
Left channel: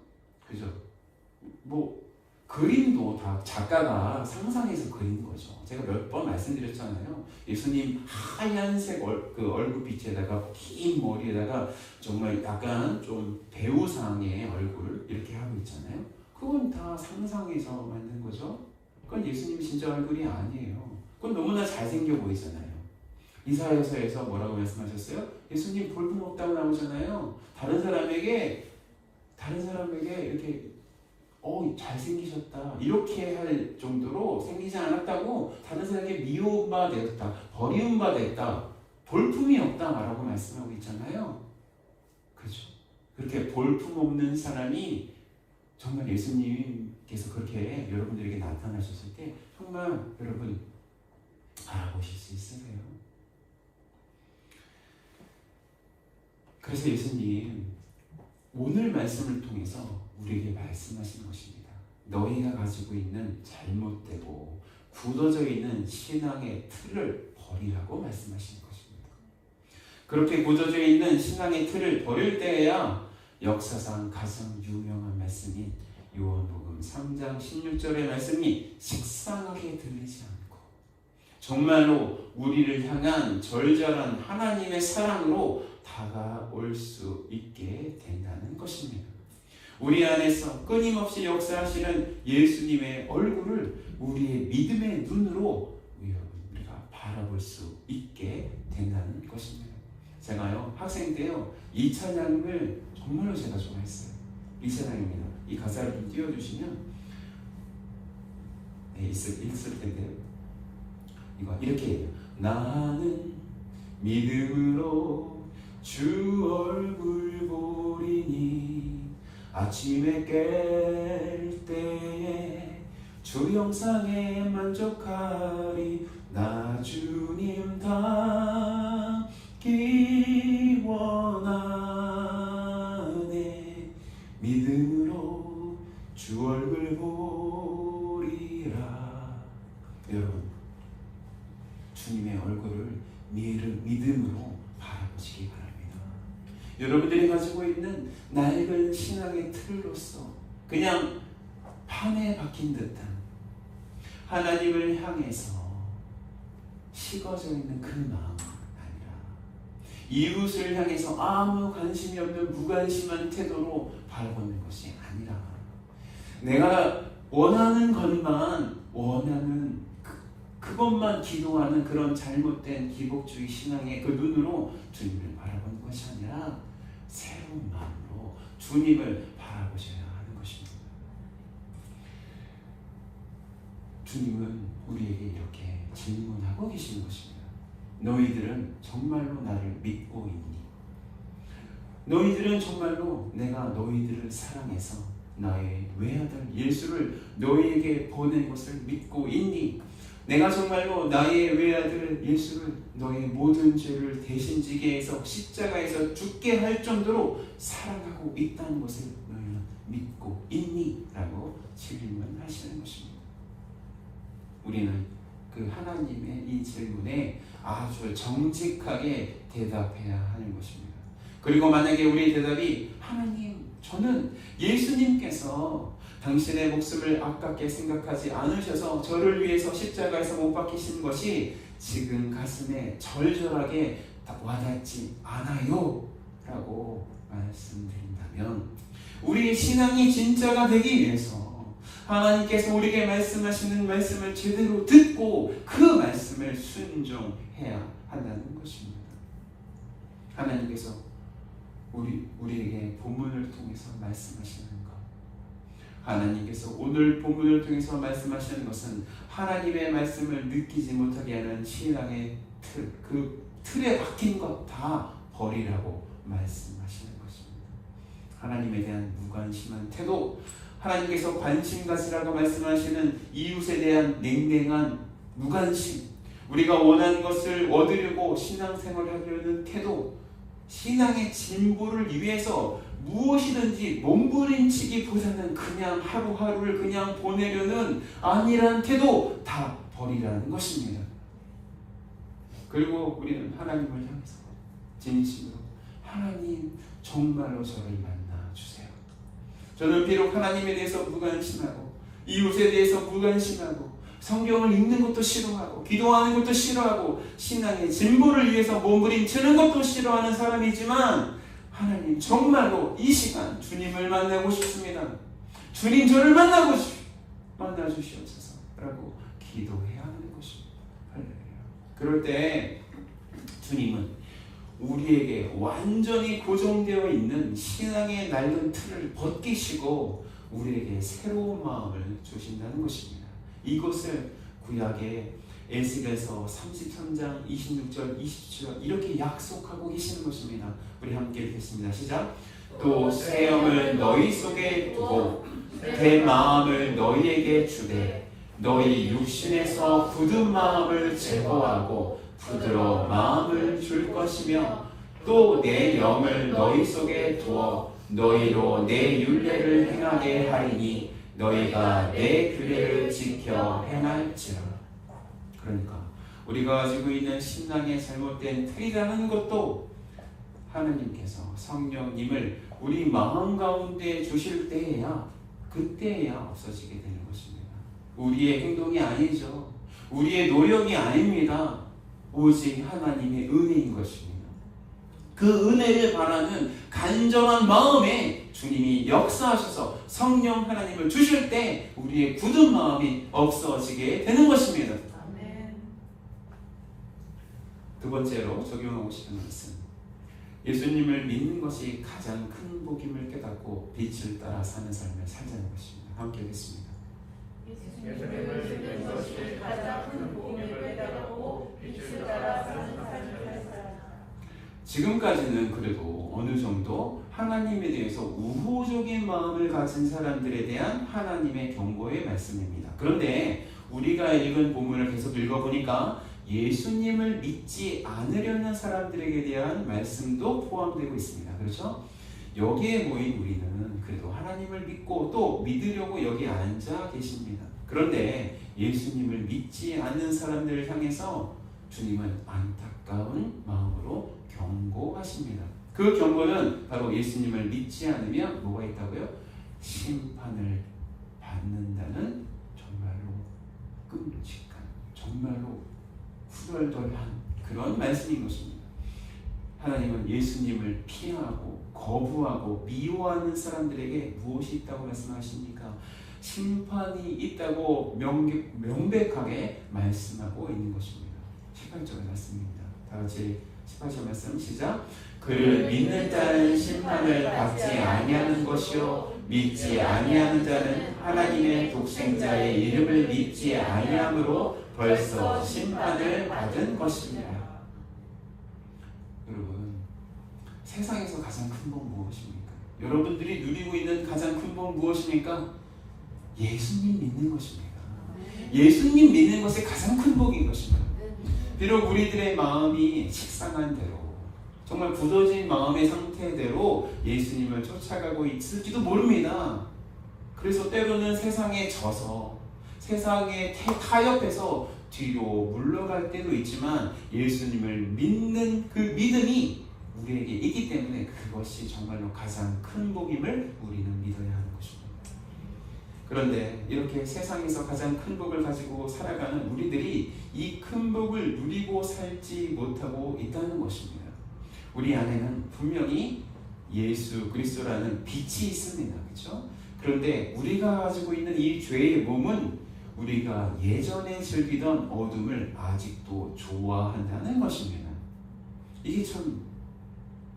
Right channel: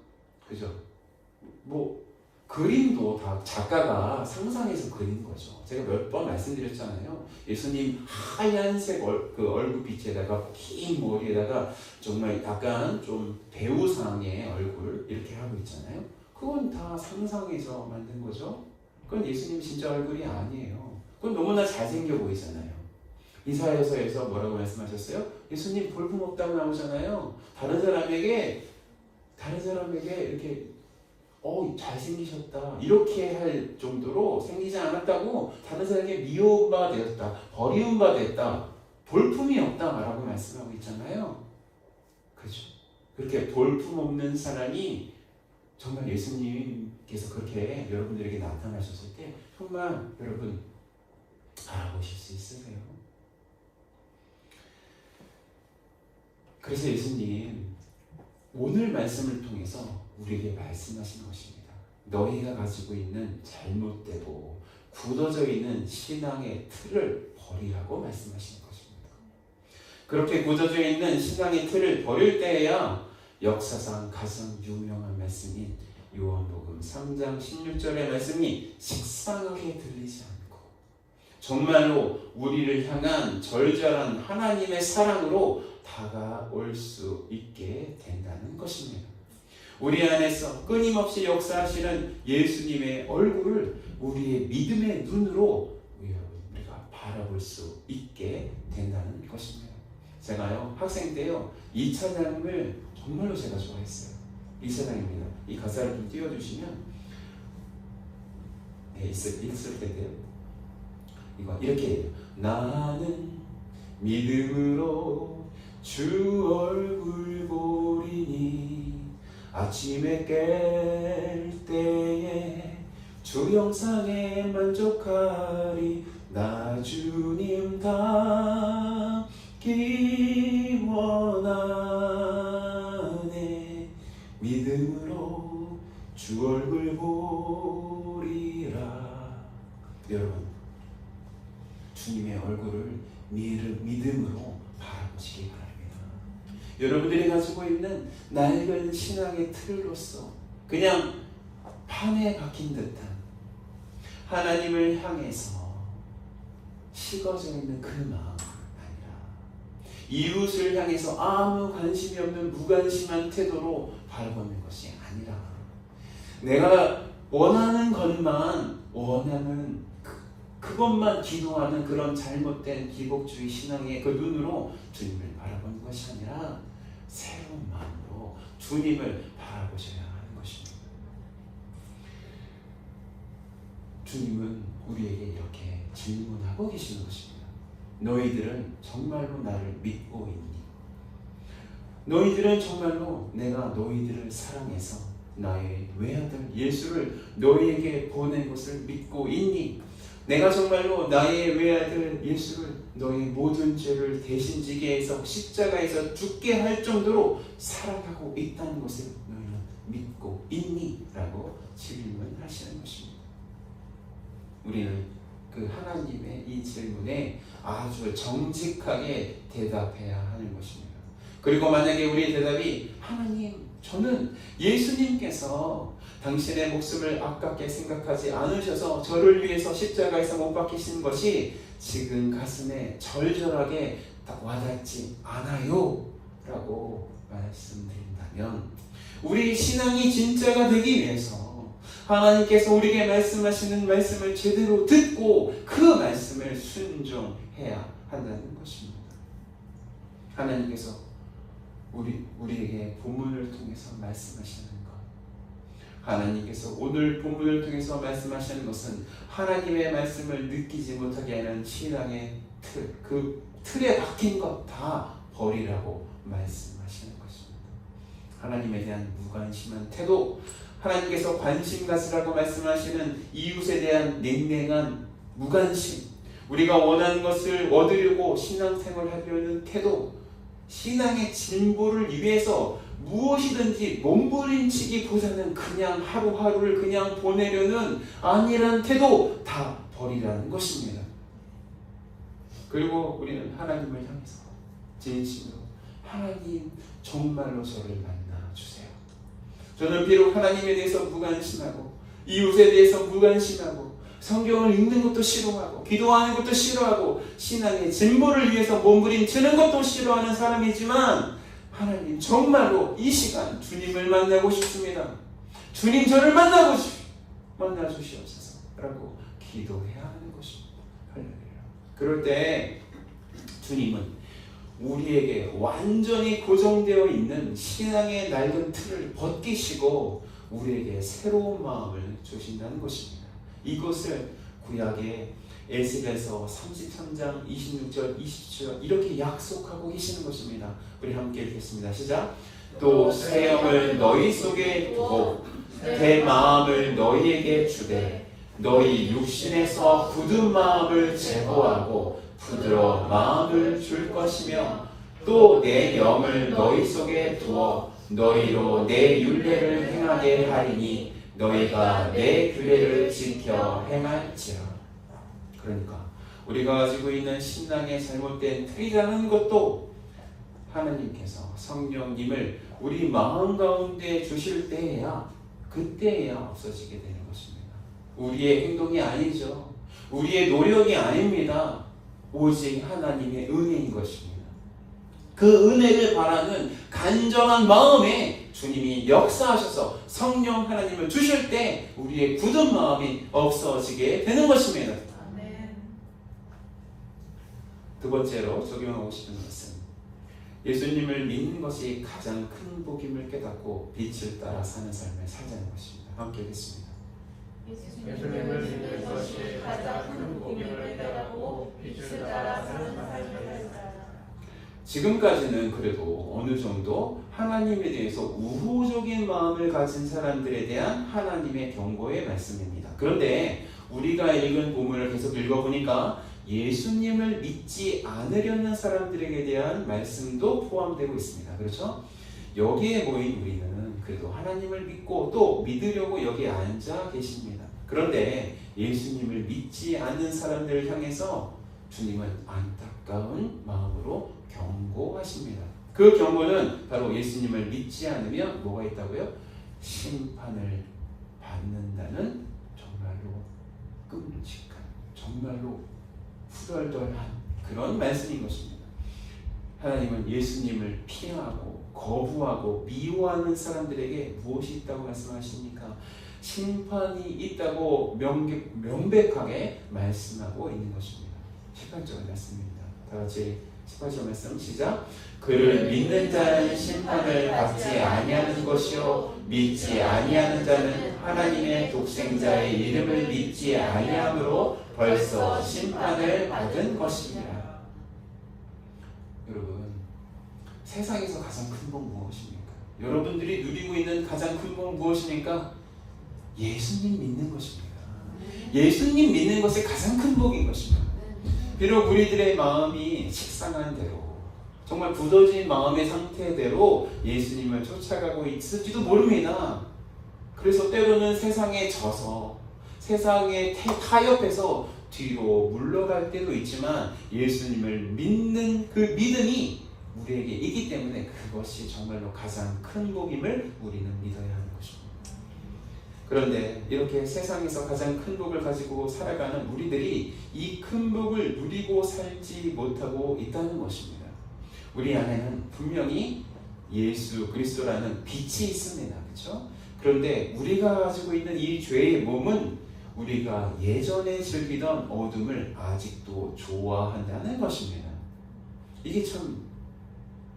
그림도 다 작가가 상상해서 그린 거죠. 제가 몇 번 말씀드렸잖아요. 예수님 하얀색 얼굴빛에다가 긴 머리에다가 정말 약간 좀 배우상의 얼굴 이렇게 하고 있잖아요. 그건 다 상상해서 만든 거죠. 그건 예수님 진짜 얼굴이 아니에요. 그건 너무나 잘생겨 보이잖아요. 이사야서에서 뭐라고 말씀하셨어요? 예수님 볼품 없다고 나오잖아요. 다른 사람에게 이렇게 잘생기셨다 이렇게 할 정도로 생기지 않았다고, 다른 사람에게 미워운 바가 되었다, 버리운 바 됐다, 볼품이 없다라고 말씀하고 있잖아요. 그렇죠? 그렇게 볼품 없는 사람이 정말 예수님께서 그렇게 여러분들에게 나타나셨을 때 정말 여러분 알아보실 수 있으세요? 그래서 예수님 오늘 말씀을 통해서 우리에게 말씀하신 것입니다. 너희가 가지고 있는 잘못되고 굳어져 있는 신앙의 틀을 버리라고 말씀하시는 것입니다. 그렇게 굳어져 있는 신앙의 틀을 버릴 때에야 역사상 가장 유명한 말씀인 요한복음 3장 16절의 말씀이 식상하게 들리지 않고 정말로 우리를 향한 절절한 하나님의 사랑으로 다가올 수 있게 된다는 것입니다. 우리 안에서 끊임없이 역사하시는 예수님의 얼굴을 우리의 믿음의 눈으로 우리가 바라볼 수 있게 된다는 것입니다. 제가요 학생 때요 이 찬양을 정말로 제가 좋아했어요. 이 찬양입니다. 이 가사를 좀 띄워주시면 있을 텐데요. 이거 이렇게 해요. 나는 믿음으로 주 얼굴 보리니 아침에 깰 때에 주 영상에 만족하리 나 주님 닮기 원하네 믿음으로 주 얼굴 보리라. 여러분 주님의 얼굴을 믿음으로 바라보시기 바랍니다. 여러분들이 가지고 있는 낡은 신앙의 틀로서 그냥 판에 박힌 듯한 하나님을 향해서 식어져 있는 그 마음 아니라 이웃을 향해서 아무 관심이 없는 무관심한 태도로 바라보는 것이 아니라 내가 원하는 것만 원하는 그것만 기도하는 그런 잘못된 기복주의 신앙의 그 눈으로 주님을 바라보는 것이 아니라 새로운 마음으로 주님을 바라보셔야 하는 것입니다. 주님은 우리에게 이렇게 질문하고 계시는 것입니다. 너희들은 정말로 나를 믿고 있니? 너희들은 정말로 내가 너희들을 사랑해서 나의 외아들 예수를 너희에게 보낸 것을 믿고 있니? 내가 정말로 나의 외아들 예수를 너의 모든 죄를 대신 지게 해서 십자가에서 죽게 할 정도로 사랑하고 있다는 것을 너희는 믿고 있니? 라고 질문하시는 것입니다. 우리는 그 하나님의 이 질문에 아주 정직하게 대답해야 하는 것입니다. 그리고 만약에 우리의 대답이 하나님, 저는 예수님께서 당신의 목숨을 아깝게 생각하지 않으셔서 저를 위해서 십자가에서 못 박히신 것이 지금 가슴에 절절하게 딱 와닿지 않아요 라고 말씀드린다면 우리 신앙이 진짜가 되기 위해서 하나님께서 우리에게 말씀하시는 말씀을 제대로 듣고 그 말씀을 순종해야 한다는 것입니다. 하나님께서 우리에게 본문을 통해서 말씀하시는 것, 하나님께서 오늘 본문을 통해서 말씀하시는 것은 하나님의 말씀을 느끼지 못하게 하는 신앙의 틀, 그 틀에 박힌 것 다 버리라고 말씀하시는 것입니다. 하나님에 대한 무관심한 태도, 하나님께서 관심 가지라고 말씀하시는 이웃에 대한 냉랭한 무관심, 우리가 원하는 것을 얻으려고 신앙생활을 하려는 태도, 신앙의 진보를 위해서 무엇이든지 몸부림치기보다는 그냥 하루하루를 그냥 보내려는 안일한 태도 다 버리라는 것입니다. 그리고 우리는 하나님을 향해서 진심으로 하나님 정말로 저를 만나주세요. 저는 비록 하나님에 대해서 무관심하고 이웃에 대해서 무관심하고 성경을 읽는 것도 싫어하고 기도하는 것도 싫어하고 신앙의 진보를 위해서 몸부림치는 것도 싫어하는 사람이지만 하나님 정말로 이 시간 주님을 만나고 싶습니다. 주님 저를 만나주시옵소서 라고 기도해야 하는 것입니다. 할렐루야. 그럴 때 주님은 우리에게 완전히 고정되어 있는 신앙의 낡은 틀을 벗기시고 우리에게 새로운 마음을 주신다는 것입니다. 이것을 구약의 에스겔서 33장 26절 27절 이렇게 약속하고 계시는 것입니다. 우리 함께 읽겠습니다. 시작. 또 새 영을 너희 속에 두고 새 마음을 너희에게 주되 너희 육신에서 굳은 마음을 제거하고 부드러운 마음을 줄 것이며 또 내 영을 너희 속에 두어 너희로 내 율례를 행하게 하리니 너희가 내 규례를 지켜 행할지라. 그러니까 우리가 가지고 있는 신앙의 잘못된 틀이라는 것도 하나님께서 성령님을 우리 마음 가운데 주실 때에야 그때에야 없어지게 되는 것입니다. 우리의 행동이 아니죠. 우리의 노력이 아닙니다. 오직 하나님의 은혜인 것입니다. 그 은혜를 바라는 간절한 마음에 주님이 역사하셔서 성령 하나님을 주실 때 우리의 굳은 마음이 없어지게 되는 것입니다. 아멘. 두 번째로 적용하고 싶은 것은 예수님을 믿는 것이 가장 큰 복임을 깨닫고 빛을 따라 사는 삶을 살자는 것입니다. 함께 읽겠습니다. 예수님을 믿는 것이 가장 큰 복음을 깨닫고 빛을 따라 사는 삶을 살아라. 지금까지는 그래도 어느 정도 하나님에 대해서 우호적인 마음을 가진 사람들에 대한 하나님의 경고의 말씀입니다. 그런데 우리가 읽은 본문을 계속 읽어보니까 예수님을 믿지 않으려는 사람들에게 대한 말씀도 포함되고 있습니다. 그렇죠? 여기에 모인 우리는 그래도 하나님을 믿고 또 믿으려고 여기에 앉아 계십니다. 그런데 예수님을 믿지 않는 사람들을 향해서 주님은 안타까운 마음으로 경고하십니다. 그 경고는 바로 예수님을 믿지 않으면 뭐가 있다고요? 심판을 받는다는 정말로 끔찍한, 정말로 후덜덜한 그런 말씀인 것입니다. 하나님은 예수님을 피하고 거부하고 미워하는 사람들에게 무엇이 있다고 말씀하십니까? 심판이 있다고 명백하게 말씀하고 있는 것입니다. 18절 말씀입니다. 다같이 18절 말씀 시작. 그를 믿는 자는 심판을 받지 아니하는 것이요 믿지 아니하는 자는 하나님의 독생자의 이름을 믿지 아니함으로 벌써 심판을 받은 것입니다. 여러분, 세상에서 가장 큰 복 무엇입니까? 여러분들이 누리고 있는 가장 큰 복 무엇입니까? 예수님 믿는 것입니다. 예수님 믿는 것이 가장 큰 복인 것입니다. 비록 우리들의 마음이 식상한 대로 정말 굳어진 마음의 상태대로 예수님을 쫓아가고 있을지도 모릅니다. 그래서 때로는 세상에 져서 세상에 타협해서 뒤로 물러갈 때도 있지만 예수님을 믿는 그 믿음이 우리에게 있기 때문에 그것이 정말로 가장 큰 복임을 우리는 믿어야 하는 것입니다. 그런데 이렇게 세상에서 가장 큰 복을 가지고 살아가는 우리들이 이 큰 복을 누리고 살지 못하고 있다는 것입니다. 우리 안에는 분명히 예수 그리스도라는 빛이 있습니다. 그렇죠? 그런데 우리가 가지고 있는 이 죄의 몸은 우리가 예전에 즐기던 어둠을 아직도 좋아한다는 것입니다. 이게 참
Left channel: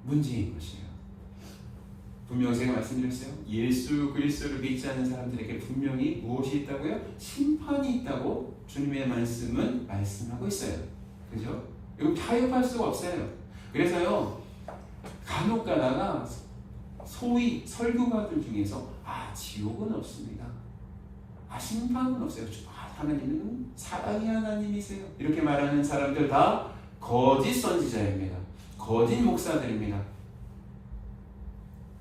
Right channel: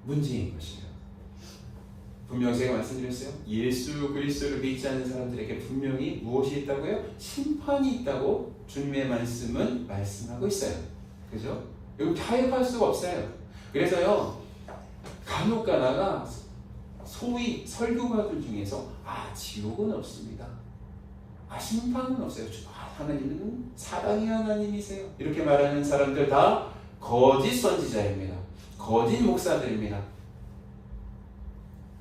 문제인 것이에요. 분명히 제가 말씀드렸어요. 예수 그리스도를 믿지 않는 사람들에게 분명히 무엇이 있다고요? 심판이 있다고 주님의 말씀은 말씀하고 있어요. 그죠? 이거 타협할 수가 없어요. 그래서요, 간혹 가다가 소위 설교가들 중에서 지옥은 없습니다. 심판은 없어요. 하나님은 사랑의 하나님이세요. 이렇게 말하는 사람들 다 거짓 선지자입니다. 거짓 목사들입니다.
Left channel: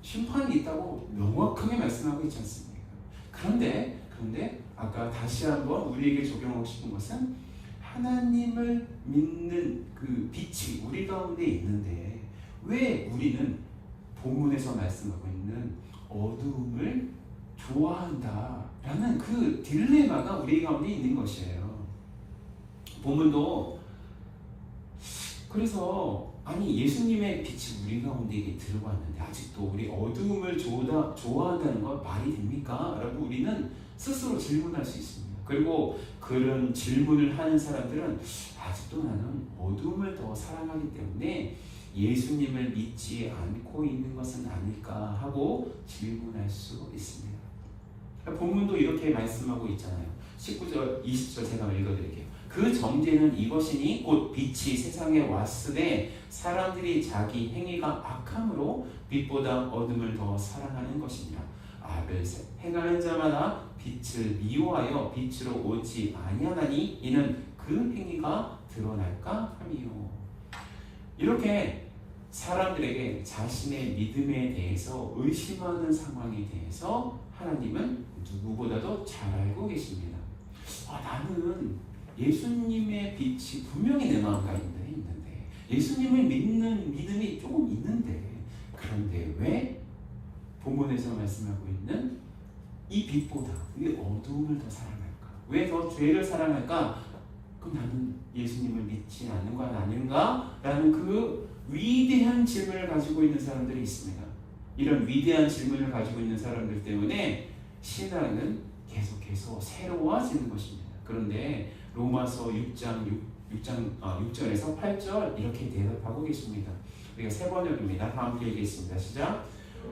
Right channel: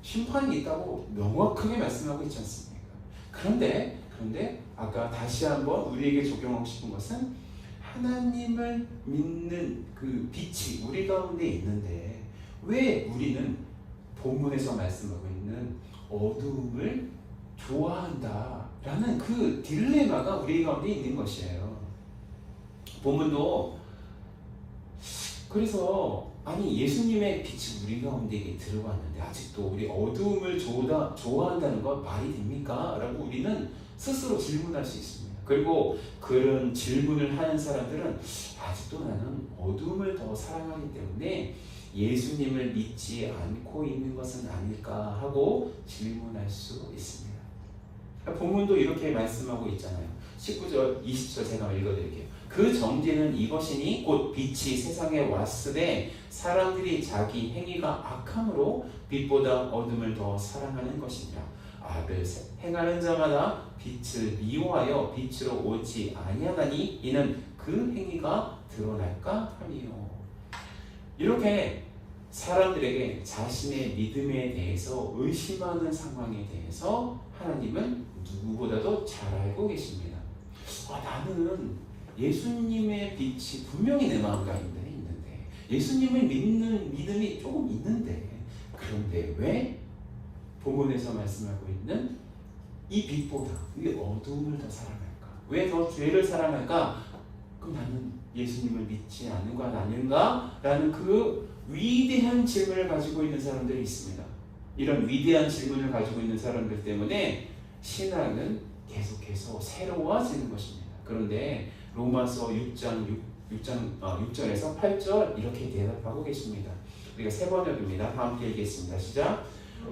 심판이 있다고 명확하게 말씀하고 있지 않습니까? 그런데 아까 다시 한번 우리에게 적용하고 싶은 것은 하나님을 믿는 그 빛이 우리 가운데 있는데 왜 우리는 본문에서 말씀하고 있는 어두움을 좋아한다라는 그 딜레마가 우리 가운데 있는 것이에요. 본문도 그래서 예수님의 빛이 우리 가운데 들어왔는데 아직도 우리 어두움을 좋아한다는 것 말이 됩니까? 라고 우리는 스스로 질문할 수 있습니다. 그리고 그런 질문을 하는 사람들은 아직도 나는 어두움을 더 사랑하기 때문에 예수님을 믿지 않고 있는 것은 아닐까 하고 질문할 수 있습니다. 본문도 이렇게 말씀하고 있잖아요. 19절, 20절 제가 읽어드릴게요. 그 정죄는 이것이니 곧 빛이 세상에 왔으되 사람들이 자기 행위가 악함으로 빛보다 어둠을 더 사랑하는 것이니라. 악을 행하는 자마다 빛을 미워하여 빛으로 오지 아니하나니 이는 그 행위가 드러날까 함이요. 이렇게 사람들에게 자신의 믿음에 대해서 의심하는 상황에 대해서 하나님은 누구보다도 잘 알고 계십니다. 나는 예수님의 빛이 분명히 내 마음 가운데 있는데 예수님을 믿는 믿음이 조금 있는데 그런데 왜 본문에서 말씀하고 있는 이 빛보다 이 어두움을 더 사랑할까? 왜 더 죄를 사랑할까? 그럼 나는 예수님을 믿지 않는 건 아닌가? 라는 그 위대한 질문을 가지고 있는 사람들이 있습니다. 이런 위대한 질문을 가지고 있는 사람들 때문에 신앙은 계속해서 새로워지는 것입니다. 그런데 로마서 6절에서 8절 이렇게 대답하고 계십니다. 우리가 세 번역입니다. 다 함께 읽겠습니다. 시작.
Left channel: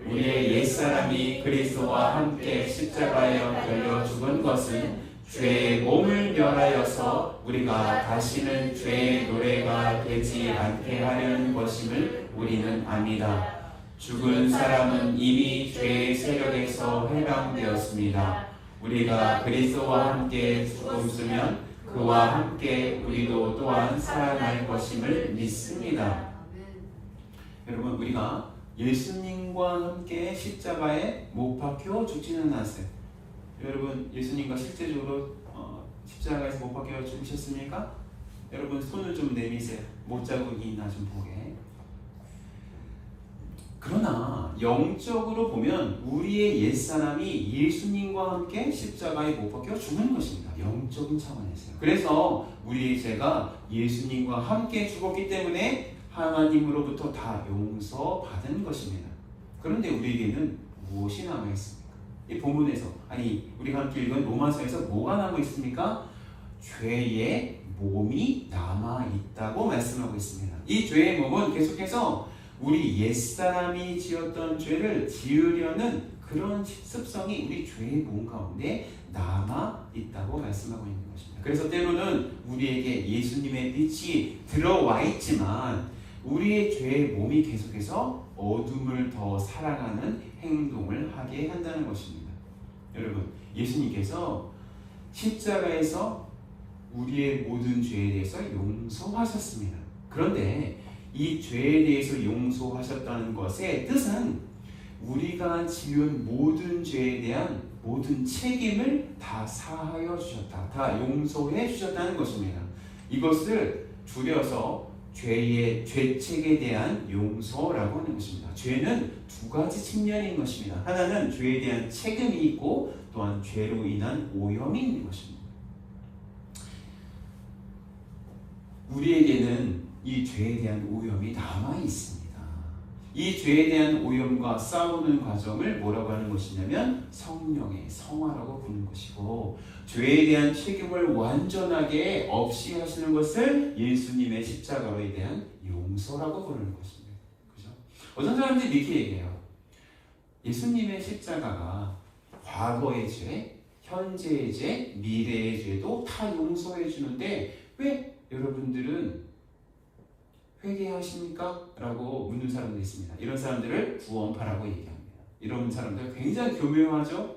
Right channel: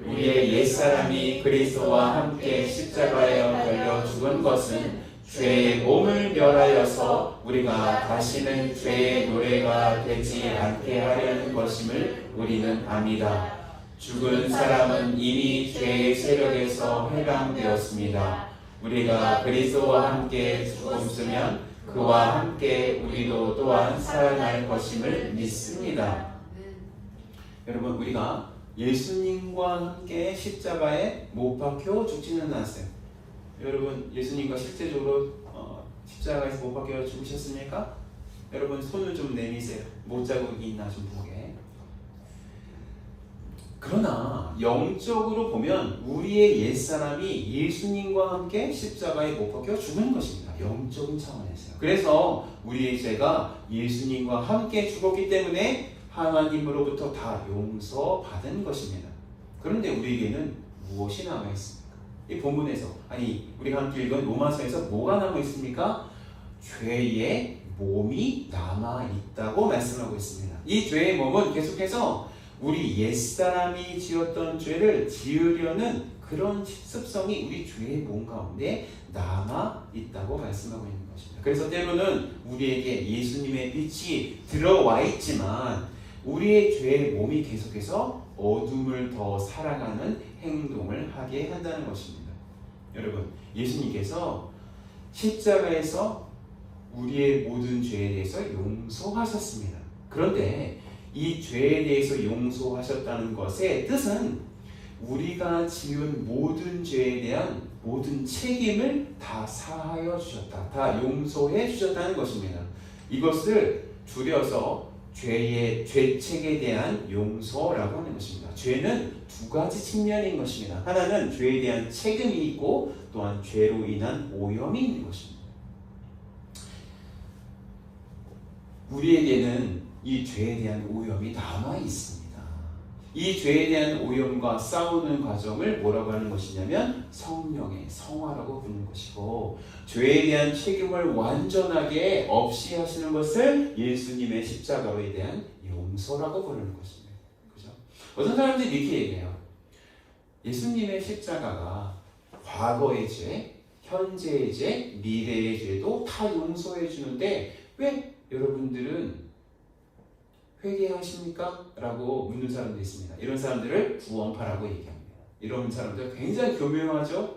우리의 옛사람이 그리스도와 함께 십자가에 달려 죽은 것은 죄의 몸을 멸하여서 우리가 다시는 죄의 노래가 되지 않게 하려는 것임을 우리는 압니다. 죽은 사람은 이미 죄의 세력에서 해방되었습니다. 우리가 그리스도와 함께 죽었으면 그와 함께 우리도 또한 살아날 것임을 믿습니다. 여러분, 우리가 예수님과 함께 십자가에 못 박혀 죽지는 않았어요. 여러분, 예수님과 실제적으로 십자가에서 못 박혀 죽으셨습니까? 여러분, 손을 좀 내미세요. 못자국이 있나 좀 보게. 그러나 영적으로 보면 우리의 옛사람이 예수님과 함께 십자가에 못 박혀 죽는 것입니다. 영적인 차원에서요. 그래서 우리의 죄가 예수님과 함께 죽었기 때문에 하나님으로부터 다 용서받은 것입니다. 그런데 우리에게는 무엇이 남아있습니까? 이 본문에서, 아니 우리가 함께 읽은 로마서에서 뭐가 남아있습니까? 죄의 몸이 남아있다고 말씀하고 있습니다. 이 죄의 몸은 계속해서 우리 옛사람이 지었던 죄를 지으려는 그런 습성이 우리 죄의 몸 가운데 남아있다고 말씀하고 있는 것입니다. 그래서 때로는 우리에게 예수님의 빛이 들어와 있지만 우리의 죄의 몸이 계속해서 어둠을 더 사랑하는 행동을 하게 한다는 것입니다. 여러분, 예수님께서 십자가에서 우리의 모든 죄에 대해서 용서하셨습니다. 그런데 이 죄에 대해서 용서하셨다는 것의 뜻은 우리가 지은 모든 죄에 대한 모든 책임을 다 사하여 주셨다, 다 용서해 주셨다는 것입니다. 이것을 줄여서 죄의 죄책에 대한 용서라고 하는 것입니다. 죄는 두 가지 측면인 것입니다. 하나는 죄에 대한 책임이 있고 또한 죄로 인한 오염이 있는 것입니다. 우리에게는 이 죄에 대한 오염이 남아 있습니다. 이 죄에 대한 오염과 싸우는 과정을 뭐라고 하는 것이냐면 성령의 성화라고 부르는 것이고, 죄에 대한 책임을 완전하게 없이 하시는 것을 예수님의 십자가에 대한 용서라고 부르는 것입니다. 그죠? 어떤 사람들이 이렇게 얘기해요. 예수님의 십자가가 과거의 죄, 현재의 죄, 미래의 죄도 다 용서해 주는데 왜 여러분들은 회개하십니까? 라고 묻는 사람도 있습니다. 이런 사람들을 구원파라고 얘기합니다. 이런 사람들 굉장히 교묘하죠?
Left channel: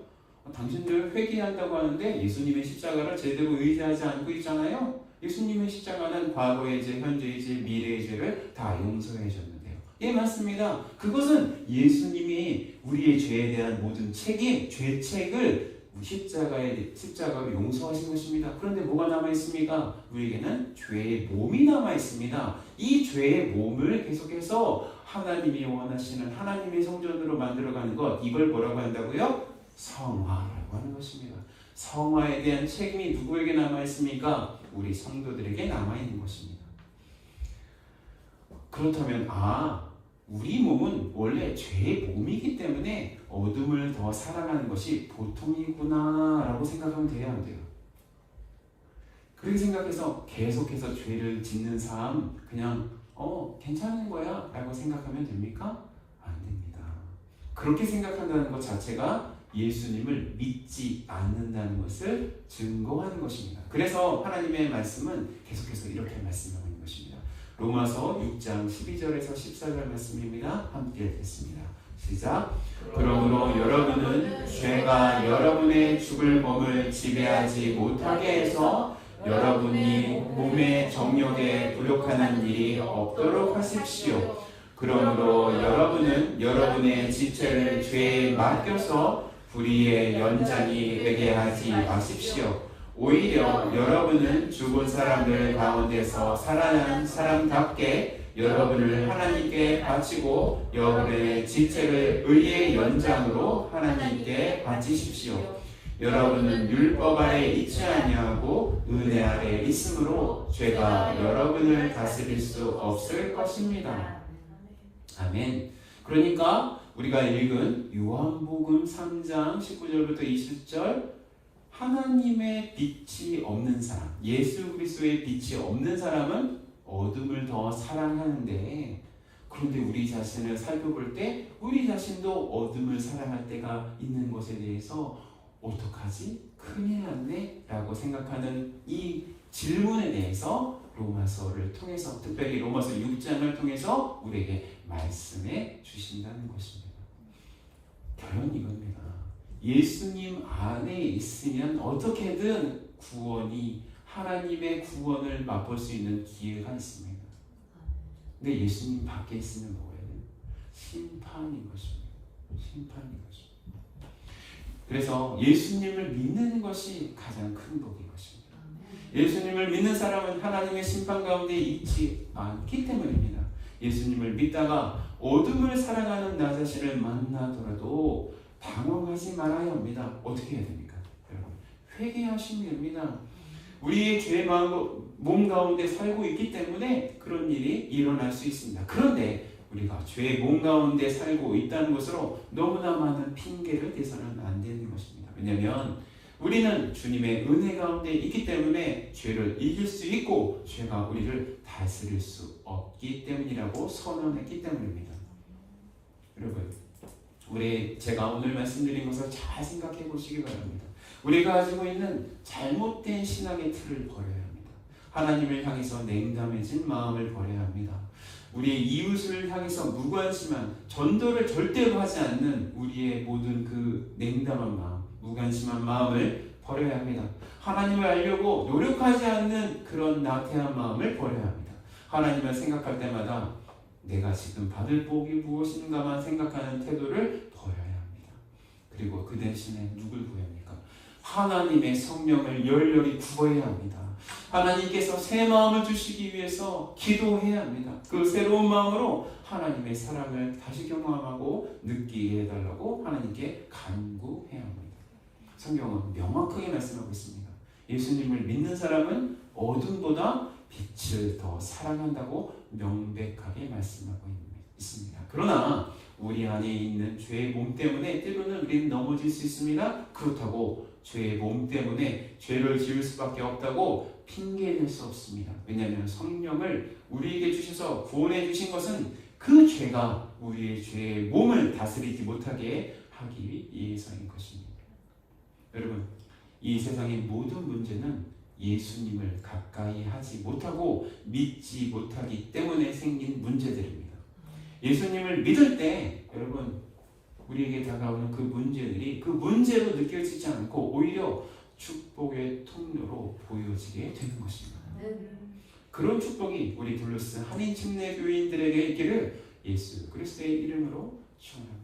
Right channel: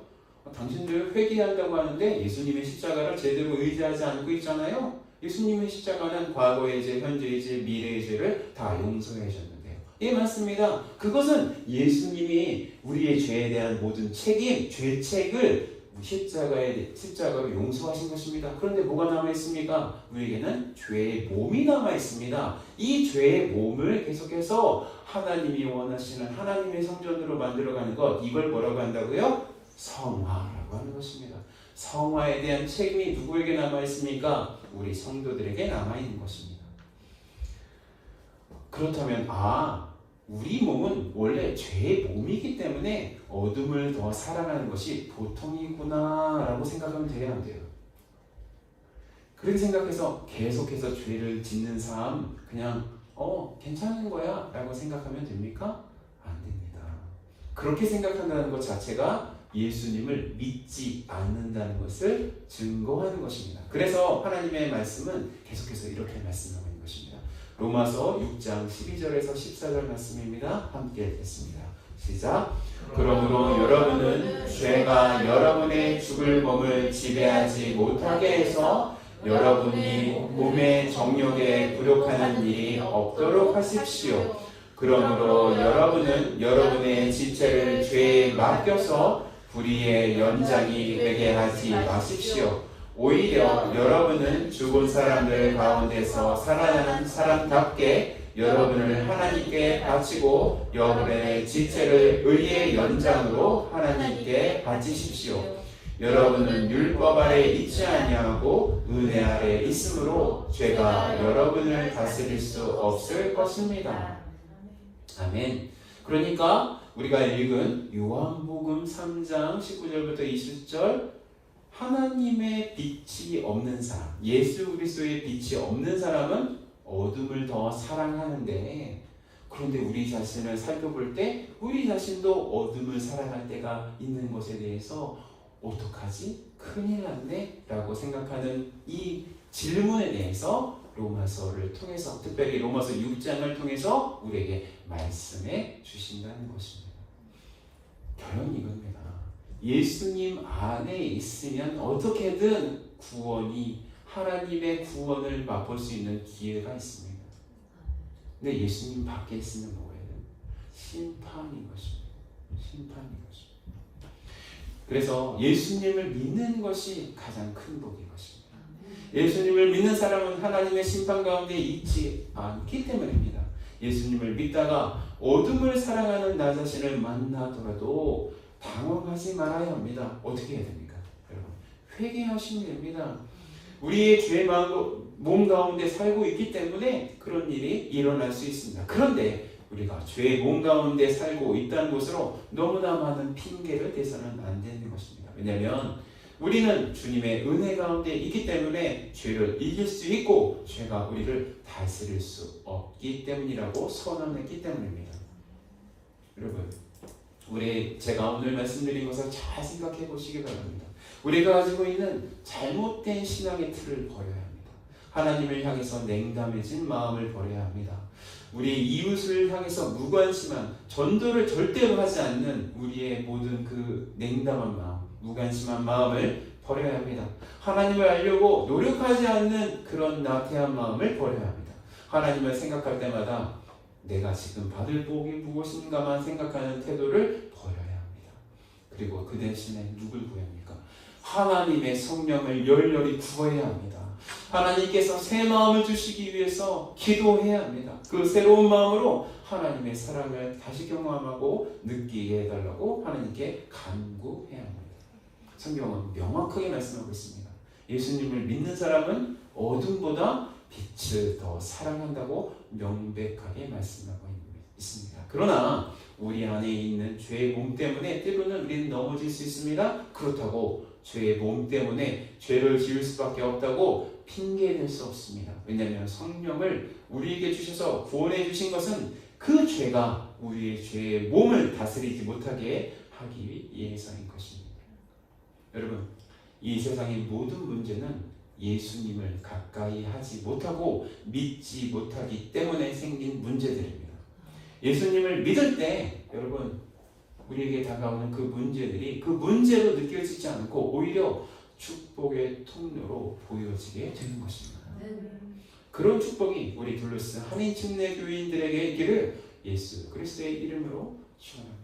당신들 회개한다고 하는데 예수님의 십자가를 제대로 의지하지 않고 있잖아요. 예수님의 십자가는 과거의 죄, 현재의 죄, 미래의 죄를 다 용서해 주셨는데요. 예, 맞습니다. 그것은 예수님이 우리의 죄에 대한 모든 책임, 죄책을 십자가로 용서하신 것입니다. 그런데 뭐가 남아있습니까? 우리에게는 죄의 몸이 남아있습니다. 이 죄의 몸을 계속해서 하나님이 원하시는 하나님의 성전으로 만들어가는 것, 이걸 뭐라고 한다고요? 성화라고 하는 것입니다. 성화에 대한 책임이 누구에게 남아있습니까? 우리 성도들에게 남아있는 것입니다. 그렇다면 우리 몸은 원래 죄의 몸이기 때문에 어둠을 더 사랑하는 것이 보통이구나 라고 생각하면 돼야 안 돼요. 그렇게 생각해서 계속해서 죄를 짓는 삶 그냥 괜찮은 거야 라고 생각하면 됩니까? 안 됩니다. 그렇게 생각한다는 것 자체가 예수님을 믿지 않는다는 것을 증거하는 것입니다. 그래서 하나님의 말씀은 계속해서 이렇게 말씀하고 있는 것입니다. 로마서 6장 12절에서 14절 말씀입니다. 함께 읽겠습니다. 시작. 그러므로 여러분은 죄가 여러분의 죽을 몸을 지배하지 못하게 해서 여러분이 몸의 정욕에 부욕하는 일이 없도록 하십시오. 그러므로 여러분은 여러분의 지체를 죄에 맡겨서 불의의 연장이 되게 하지 마십시오. 오히려 여러분은 죽은 사람들 가운데서 살아나는 사람답게 여러분을 하나님께 바치고 여러분의 지체를 의의 연장으로 하나님께 바치십시오. 여러분은 율법 아래 있지 아니하고 은혜 아래 있으므로 죄가 여러분을 다스릴 수 없을 것입니다. 아멘. 그러니까 우리가 읽은 요한복음 3장 19절부터 20절, 하나님의 빛이 없는 사람, 예수 그리스도의 빛이 없는 사람은 어둠을 더 사랑하는데, 그런데 우리 자신을 살펴볼 때 우리 자신도 어둠을 사랑할 때가 있는 것에 대해서 어떡하지? 큰일 났네? 라고 생각하는 이 질문에 대해서 로마서를 통해서, 특별히 로마서 6장을 통해서 우리에게 말씀해 주신다는 것입니다. 결론은 이겁니다. 예수님 안에 있으면 어떻게든 하나님의 구원을 맛볼 수 있는 기회가 있습니다. 근데 예수님 밖에 있으면 뭐예요? 심판인 것입니다. 심판인 것입니다. 그래서 예수님을 믿는 것이 가장 큰 복인 것입니다. 예수님을 믿는 사람은 하나님의 심판 가운데 있지 않기 때문입니다. 예수님을 믿다가 어둠을 사랑하는 나 자신을 만나더라도 당황하지 말아야 합니다. 어떻게 해야 됩니까? 여러분, 회개하시면 됩니다. 우리의 죄의 몸 가운데 살고 있기 때문에 그런 일이 일어날 수 있습니다. 그런데 우리가 죄의 몸 가운데 살고 있다는 것으로 너무나 많은 핑계를 대서는 안 되는 것입니다. 왜냐하면 우리는 주님의 은혜 가운데 있기 때문에 죄를 이길 수 있고 죄가 우리를 다스릴 수 없기 때문이라고 선언했기 때문입니다. 여러분, 제가 오늘 말씀드린 것을 잘 생각해 보시기 바랍니다. 우리가 가지고 있는 잘못된 신앙의 틀을 버려야 합니다. 하나님을 향해서 냉담해진 마음을 버려야 합니다. 우리 이웃을 향해서 무관심한, 전도를 절대로 하지 않는 우리의 모든 그 냉담한 마음, 무관심한 마음을 버려야 합니다. 하나님을 알려고 노력하지 않는 그런 나태한 마음을 버려야 합니다. 하나님을 생각할 때마다 내가 지금 받을 복이 무엇인가만 생각하는 태도를 버려야 합니다. 그리고 그 대신에 누굴 구해야 합니까? 하나님의 성령을 열렬히 구해야 합니다. 하나님께서 새 마음을 주시기 위해서 기도해야 합니다. 그 새로운 마음으로 하나님의 사랑을 다시 경험하고 느끼게 해달라고 하나님께 간구해야 합니다. 성경은 명확하게 말씀하고 있습니다. 예수님을 믿는 사람은 어둠보다 빛을 더 사랑한다고 명백하게 말씀하고 있습니다. 그러나 우리 안에 있는 죄의 몸 때문에 때로는 우리는 넘어질 수 있습니다. 그렇다고 죄의 몸 때문에 죄를 지을 수밖에 없다고 핑계댈 수 없습니다. 왜냐하면 성령을 우리에게 주셔서 구원해 주신 것은 그 죄가 우리의 죄의 몸을 다스리지 못하게 하기 위해서인 것입니다. 여러분, 이 세상의 모든 문제는 예수님을 가까이 하지 못하고 믿지 못하기 때문에 생긴 문제들입니다. 예수님을 믿을 때 여러분, 우리에게 다가오는 그 문제들이 그 문제로 느껴지지 않고 오히려 축복의 통로로 보여지게 되는 것입니다. 그런 축복이 우리 둘러스 한인 침례 교인들에게 있기를 예수 그리스도의 이름으로 축원합니다.